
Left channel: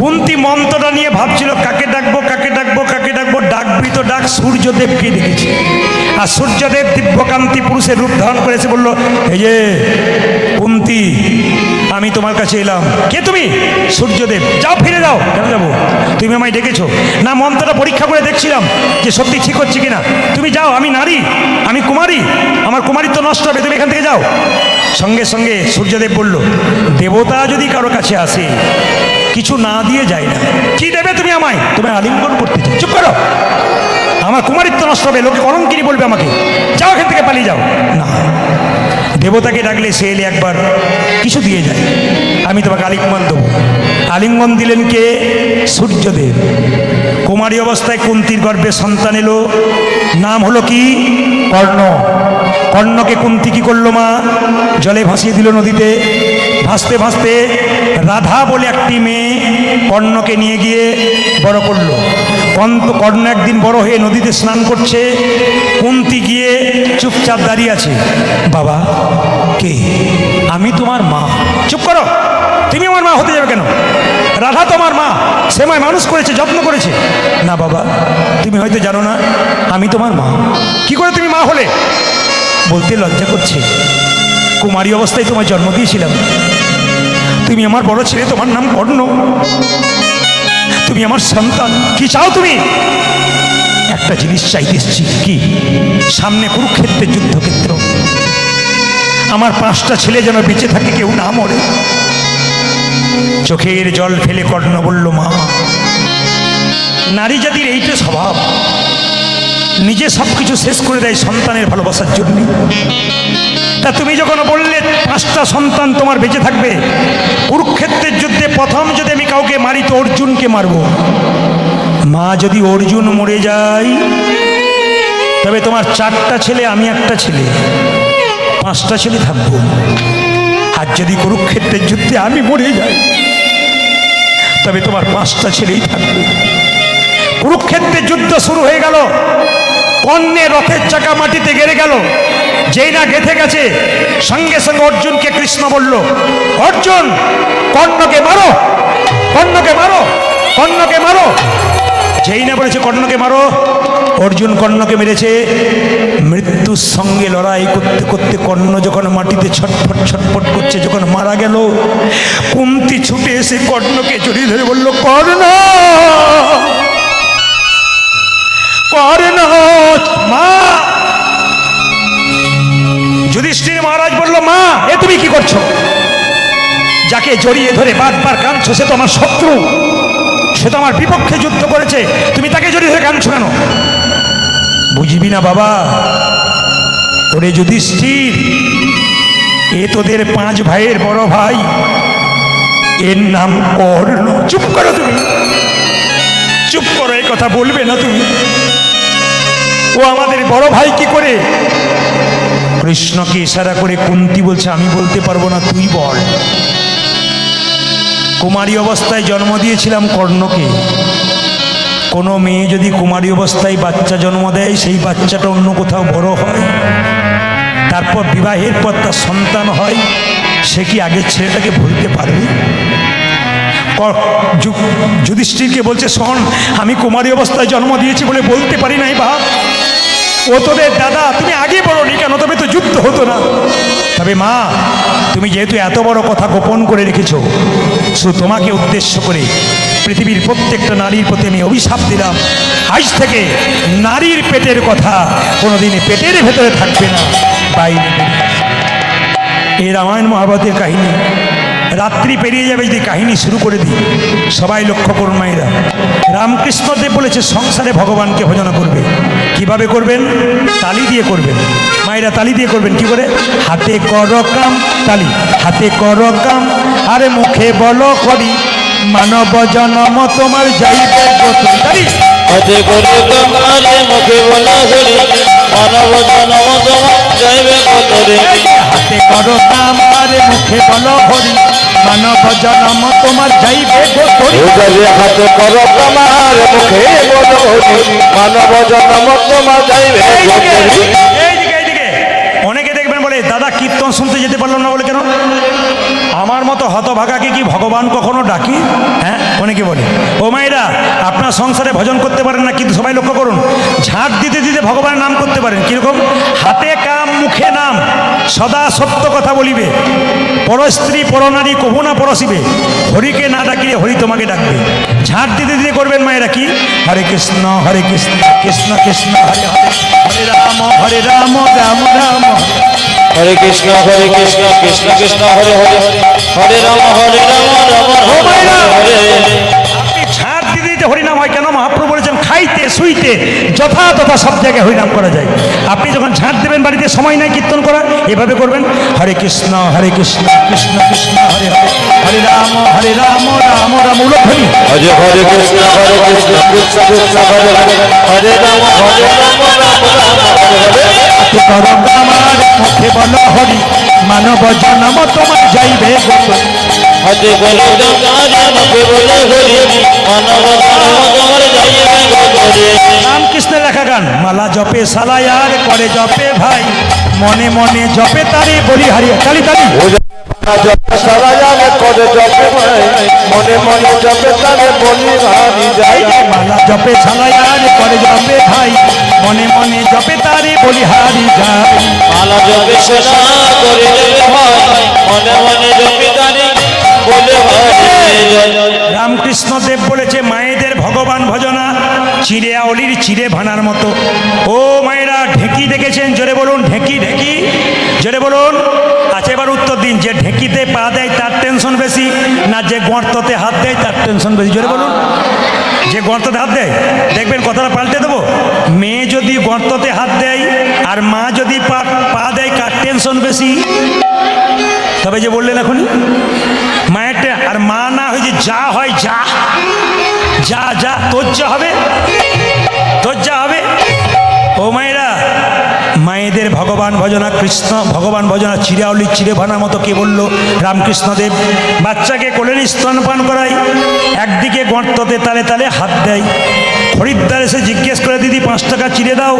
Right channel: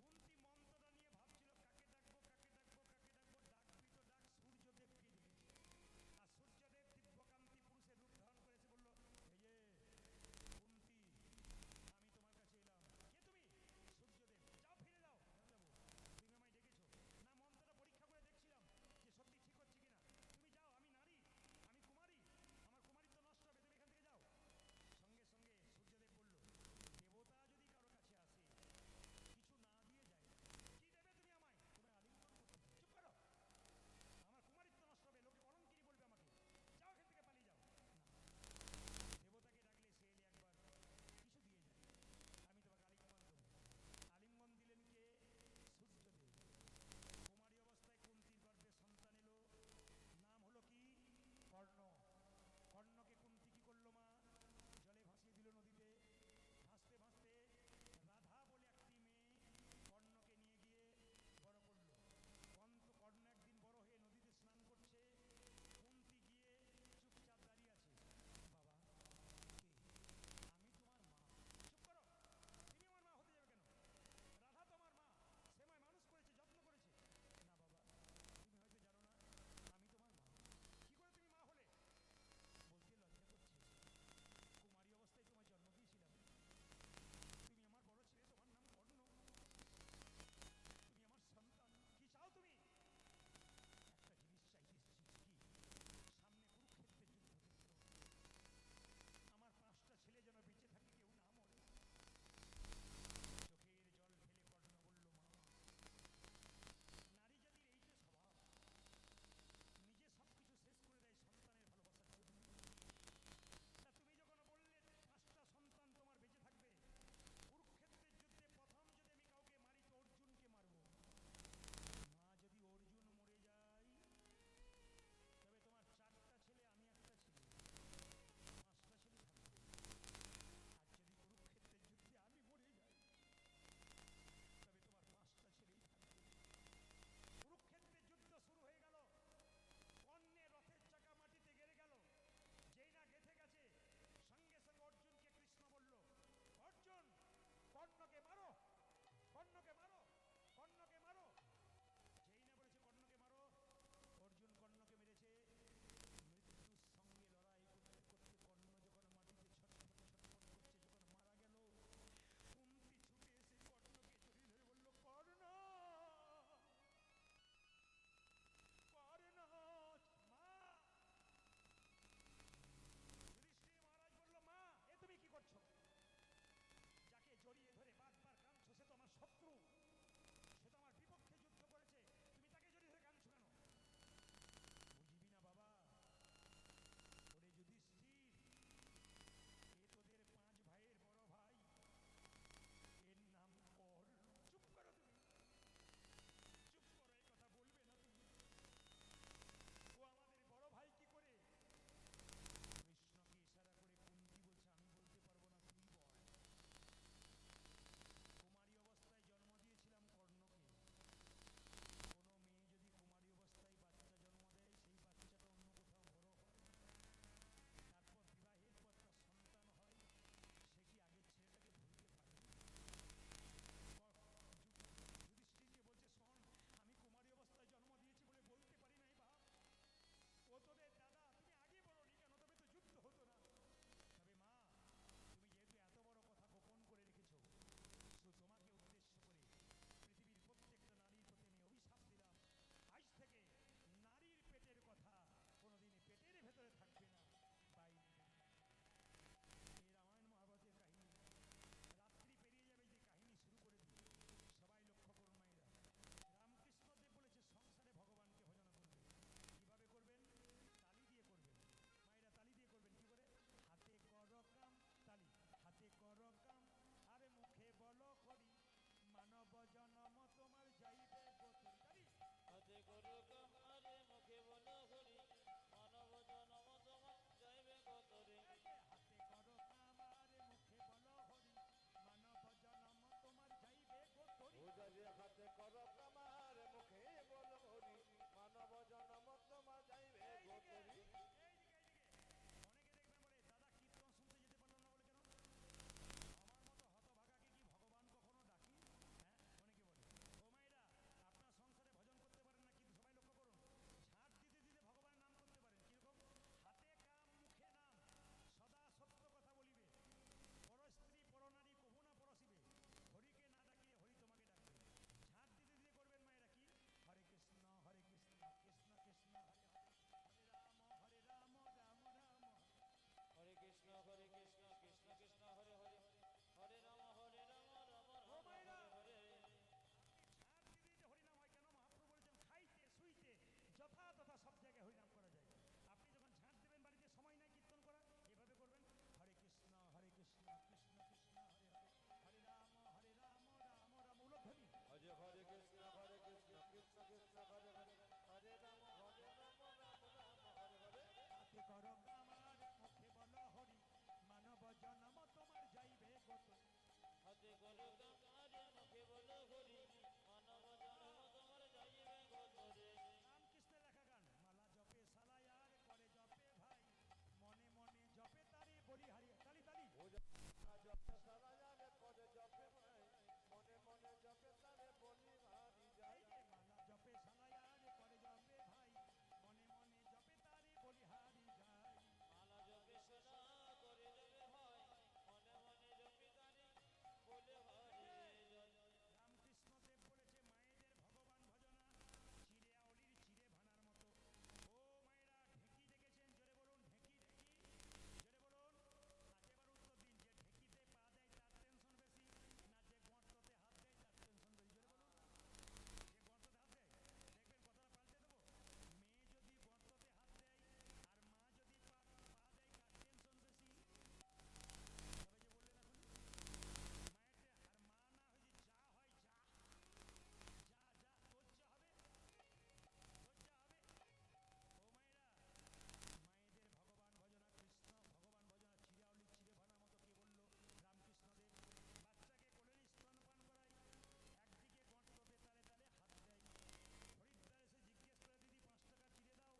কুন্তি মন্ত্রটা নিয়ে ভাবছিল, কাকে ডাকবো কাকে ডাকবো কাকে ডাকবো, ডাকবি তো ডাক, সূর্যদেবকে ডেকেছে। আর সূর্যদেব দিব্যকান্তি পুরুষের রূপ ধারণ করেছে, বলল, এই যে কুন্তি, আমি তোমার কাছে এলাম। কে তুমি? সূর্যদেব। যাও, ফিরে যাও। কেন যাবো? তুমি আমায় ডেকেছো? না, মন্ত্রটা পরীক্ষা করে দেখছিলাম যে সত্যি ঠিক হচ্ছে কিনা। তুমি যাও, আমি নারী, আমি কুমারী, আমার কুমারিত্ব নষ্ট হবে, তুমি এখান থেকে যাও। সঙ্গে সঙ্গে সূর্যদেব বলল, দেবতা যদি কারো কাছে আসে কিছু না দিয়ে যায় না। কি দেবে তুমি আমায়? তুমি আলিঙ্গন করতে চাই। চুপ করো। আমার কুমারিত্ব নষ্ট হবে, লোকে কলঙ্কিনী বলবে আমাকে, যাও এখান থেকে পালিয়ে যাও। না, দেবতাকে ডাকলে সে এলে একবার কিছু দিয়ে যায়, আমি তোমাকে আলিঙ্গন দেবো। আলিঙ্গন দিলেন কে? সূর্যদেব। কুমারী অবস্থায় কুন্তির গর্ভে সন্তান এলো, নাম হলো কি? কর্ণ। কর্ণকে কুন্তি কি করলো মা? জলে ভাসিয়ে দিল নদীতে। ভাসতে ভাসতে রাধা বলে একটি মেয়ে কর্ণকে নিয়ে গিয়ে বড় করলো। কর্ণ একদিন বড় হয়ে নদীতে স্নান করছে, কুন্তি গিয়ে চুপচাপ দাঁড়িয়ে আছে। বাবা কে? আমি তোমার মা। চুপ করো, তুমি আমার মা হতে যাবে কেন? রাধা তোমার মা, সে মায় মানুষ করেছে, যত্ন করেছে। না বাবা, তুমি হয়তো জানো না, আমি তোমার মা। কি করে তুমি মা হলে? বলতে লজ্জা করছে। কুমারী অবস্থায় তোমার জন্ম দিয়েছিলাম, তুমি আমার বড় ছেলে, তোমার নাম কর্ণ, তুমি আমার সন্তান। কি চাও তুমি? একটা জিনিস চাইতে এসেছি। কি? সামনে কুরুক্ষেত্রের যুদ্ধক্ষেত্র, আমার 5টা ছেলে যেন বেঁচে থাকে, কেউ না মরে। চোখের জল ফেলে কর্ণ বলল, মা, নারী জাতির এইটা স্বভাব, নিজে সব কিছু শেষ করে দেয় সন্তানের ভালোবাসার জন্য। তা তুমি যখন বললে 5টা সন্তান তোমার বেঁচে থাকবে, কুরুক্ষেত্রের যুদ্ধে প্রথম যদি আমি কাউকে মারি তো অর্জুনকে মারব। মা, যদি অর্জুন মরে যায় তবে তোমার 4টা ছেলে, আমি একটা ছেলে, 5টা ছেলে থাকবো। আর যদি কুরুক্ষেত্রের যুদ্ধে আমি মরে যাই তবে তোমার 5টা ছেলেই থাকবে। কুরুক্ষেত্রের যুদ্ধ শুরু হয়ে গেল, কর্ণের রথের চাকা মাটিতে গেড়ে গেল। যেই না গেঁথে গেছে, সঙ্গে সঙ্গে অর্জুনকে কৃষ্ণ বলল, অর্জুন কর্ণকে মারো, কর্ণকে মারো, কর্ণকে মারো। যেই না বলেছে কর্ণকে মারো, অর্জুন কর্ণকে মেরেছে। মৃত্যুর সঙ্গে লড়াই করতে করতে কর্ণ যখন মাটিতে ছটফট ছটফট করছে, যখন মারা গেল, কুন্তি ছুটে এসে কর্ণকে জড়িয়ে ধরে বলল, কর্ণ, কর্ণ, মা। যুধিষ্ঠির মহারাজ বলল, মা, এ তুমি কি করছো? যাকে জড়িয়ে ধরে বারবার কাঁদছো সে তো আমার শত্রু, সে তো আমার বিপক্ষে যুদ্ধ করেছে, তুমি তাকে জড়িয়ে ধরে কাঁদছো কেন? বুঝবি না বাবা, ওরে যুধিষ্ঠির, এ তোদের 5 ভাইয়ের বড় ভাই, এর নাম কর্ণ। চুপ করো তুমি, চুপ করো, এই কথা বলবে না তুমি। ও আমাদের বড় ভাই কি করে? কৃষ্ণকে ইশারা করে কুন্তি বলছে, আমি বলতে পারবো না, তুই বল। কুমারী অবস্থায় জন্ম দিয়েছিলাম কর্ণকে। কোনো মেয়ে যদি কুমারী অবস্থায় বাচ্চা জন্ম দেয়, সেই বাচ্চাটা অন্য কোথাও বড় হয়, তারপর বিবাহের পর তার সন্তান হয়, সে কি আগের ছেলেটাকে ভুলতে পারবে? যুধিষ্ঠিরকে বলছে, শোন, আমি কুমারী অবস্থায় জন্ম দিয়েছি বলে বলতে পারি নাই বাপ। ও তোদের দাদা, তুমি আগে বলোনি কেন? তবে তো যুদ্ধ হতো না। তবে মা, তুমি যেহেতু এত বড় কথা গোপন করে রেখেছো, শুধু তোমাকে উদ্দেশ্য করে পৃথিবীর প্রত্যেকটা নারীর প্রতি আমি অভিশাপ দিলাম, আজ থেকে নারীর পেটের কথা কোনোদিন পেটের ভেতরে থাকবে না, বাইরে। এই রামায়ণ মহাভারতের কাহিনী। রাত্রি পেরিয়ে যাবে যদি কাহিনী শুরু করে দিই। সবাই লক্ষ্য করুন মায়েরা, রামকৃষ্ণদেব বলেছে সংসারে ভগবানকে ভজন করবে। কিভাবে করবেন? তালি দিয়ে করবেন। মায়েরা তালি দিয়ে করবেন। কি করে? হাতে করো কাম, তালি, হাতে করো কাম, আরে মুখে বলো করি, মানব জনম তোমার যাইবে গোতরি। তালি। হাতে করে তোমারে মুখে বলা হরি, মানব জনম তোমার যাইবে গোতরি। হাতে করো কাম, আরে মুখে বলো হরি, মানব জনম তোমার যাইবে গোতরি। হাতে করো তোমার মুখে বলো হরি, মানব জনম তোমার যাইবে গোতরি। এইদিকে অনেকে দেখবেন বলে, দাদা কীর্তন শুনতে যেতে পারলাম না বলে কেন? আমার মতো হতভাগাকে কি ভগবান কখনো ডাকি? হ্যাঁ, অনেকে বলে। ও মায়েরা, আপনার সংসারে ভজন করতে পারেন না, কিন্তু সবাই লক্ষ্য করুন, ঝাঁট দিতে দিতে ভগবানের নাম করতে পারেন। কিরকম? হাতে কাম মুখে নাম, সদা সত্য কথা বলিবে, পরস্ত্রী পরনারী কভু না পরশিবে, হরিকে না ডাকিলে হরি তোমাকে ডাকবে। ঝাঁট দিতে দিতে করবেন মায়েরা। কি? হরে কৃষ্ণ কৃষ্ণ কৃষ্ণ হরে হরে, হরে রাম রাম রাম হরে। হরে কৃষ্ণ কৃষ্ণ কৃষ্ণ হরে হরে, হরে রাম রাম রাম হরে হরে। আপনি ঝাঁট দিতে দিতে হরিনাম হয় কেন? মহাপ্রভু বলেছেন, খাইতে সুইতে যথাযথ সব জায়গায় হরিনাম করা যায়। আপনি যখন ঝাঁট দেবেন বাড়িতে সময় নাই কীর্তন করা, এভাবে করবেন হরে কৃষ্ণ কৃষ্ণ কৃষ্ণ হরে হরে, হরে রাম রাম রাম উলধ্বনি। হরে হরে কৃষ্ণ কৃষ্ণ কৃষ্ণ হরে হরে, হরে রাম রাম রাম হরে হরে। হাতে করো আমার মুখে বলো হরি, মানব জন্ম তোমার যাইবে গত। হাতে বলো তোমার মুখে বলো হরি, মানব জন্ম তোমার যাইবে গত। রামকৃষ্ণের লেখা গান। মালা জপে সালায়ার করে জপে ভাই, মনে মনে জপে তারে বলি হারিয়ে। তালি তালি। সারা জানে করে জপে ভাই, মনে মনে জপে তারে বলি হারি যাই। মালা জপে সালায়ার করে জপে ভাই, মনে মনে জপে তারে বলি হারি যায়। মালা জপে সোনা করে জপে ভাই, মনে মনে জপে তারে বলে হরে। রামকৃষ্ণ দেব বলেছে মায়েদের ভগবান ভজনা চিড়ে আউলির চিড়ে ভানার মতো। ও মায়েরা ঢেঁকি দেখেছেন? জোরে বলুন ঢেঁকি ঢেঁকি, জোরে বলুন। আচ্ছা এবার উত্তর দিন, যে ঢেঁকিতে পা দেয় তার টেনশন বেশি, না যে গর্ততে হাত দেয় তার টেনশন বেশি? জোরে বলুন। যে গর্ততে হাত দেয়, দেখবেন কথাটা পাল্টে দেবো। মেয়ে যদি গর্ততে হাত দেয় আর মা যদি পা দেয়, কার টেনশন বেশি? তবে যে বললেন এখনই মায়েরটা, আর মা না হয় যে যা হয় যা যা যা তোর যা হবে, তোর যা হবে। ও মায়েরা, মায়েদের ভগবান ভজনা কৃষ্ণ ভগবান ভজনা চিরাউলি চিড়ে ভানার মতো কে বললো? রামকৃষ্ণদেব। বাচ্চাকে কোলে নিয়ে স্তনপান করায়, একদিকে গর্ততে তালে তালে হাত দেয়। খরিদ্দার এসে জিজ্ঞেস করে দিদি 5 টাকা চিড়ে দাও,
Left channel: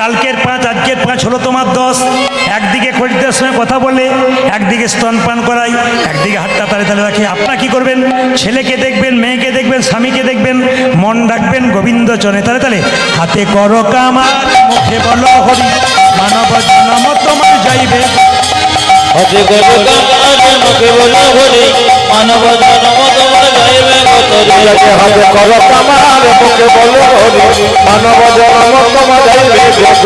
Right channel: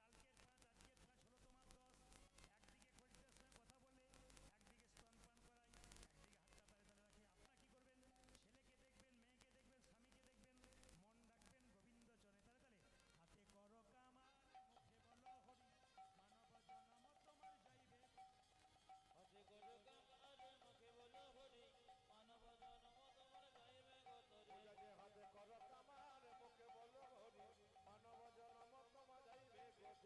কালকের 5 আজকের 5 হলো তোমার 10। একদিকে খরিদ্দার সঙ্গে কথা বলে, একদিকে স্তনপান করাই, একদিকে হাতটা তালে তালে রাখে। আপনারা কি করবেন? ছেলেকে দেখবেন, মেয়েকে দেখবেন, স্বামীকে দেখবেন, মন ডাকবেন গোবিন্দ চনে তালে তালে। হাতে করো কামার মুখে বলো হরি, মানব জন্ম তোমার যাইবে। হাতে বলো তোমার মুখে বলো হরি, মানব জন্ম তোমার যাইবে গত। হাতে করো আমার মুখে বলো হরি, মানব জন্ম তোমার যাইবে গত।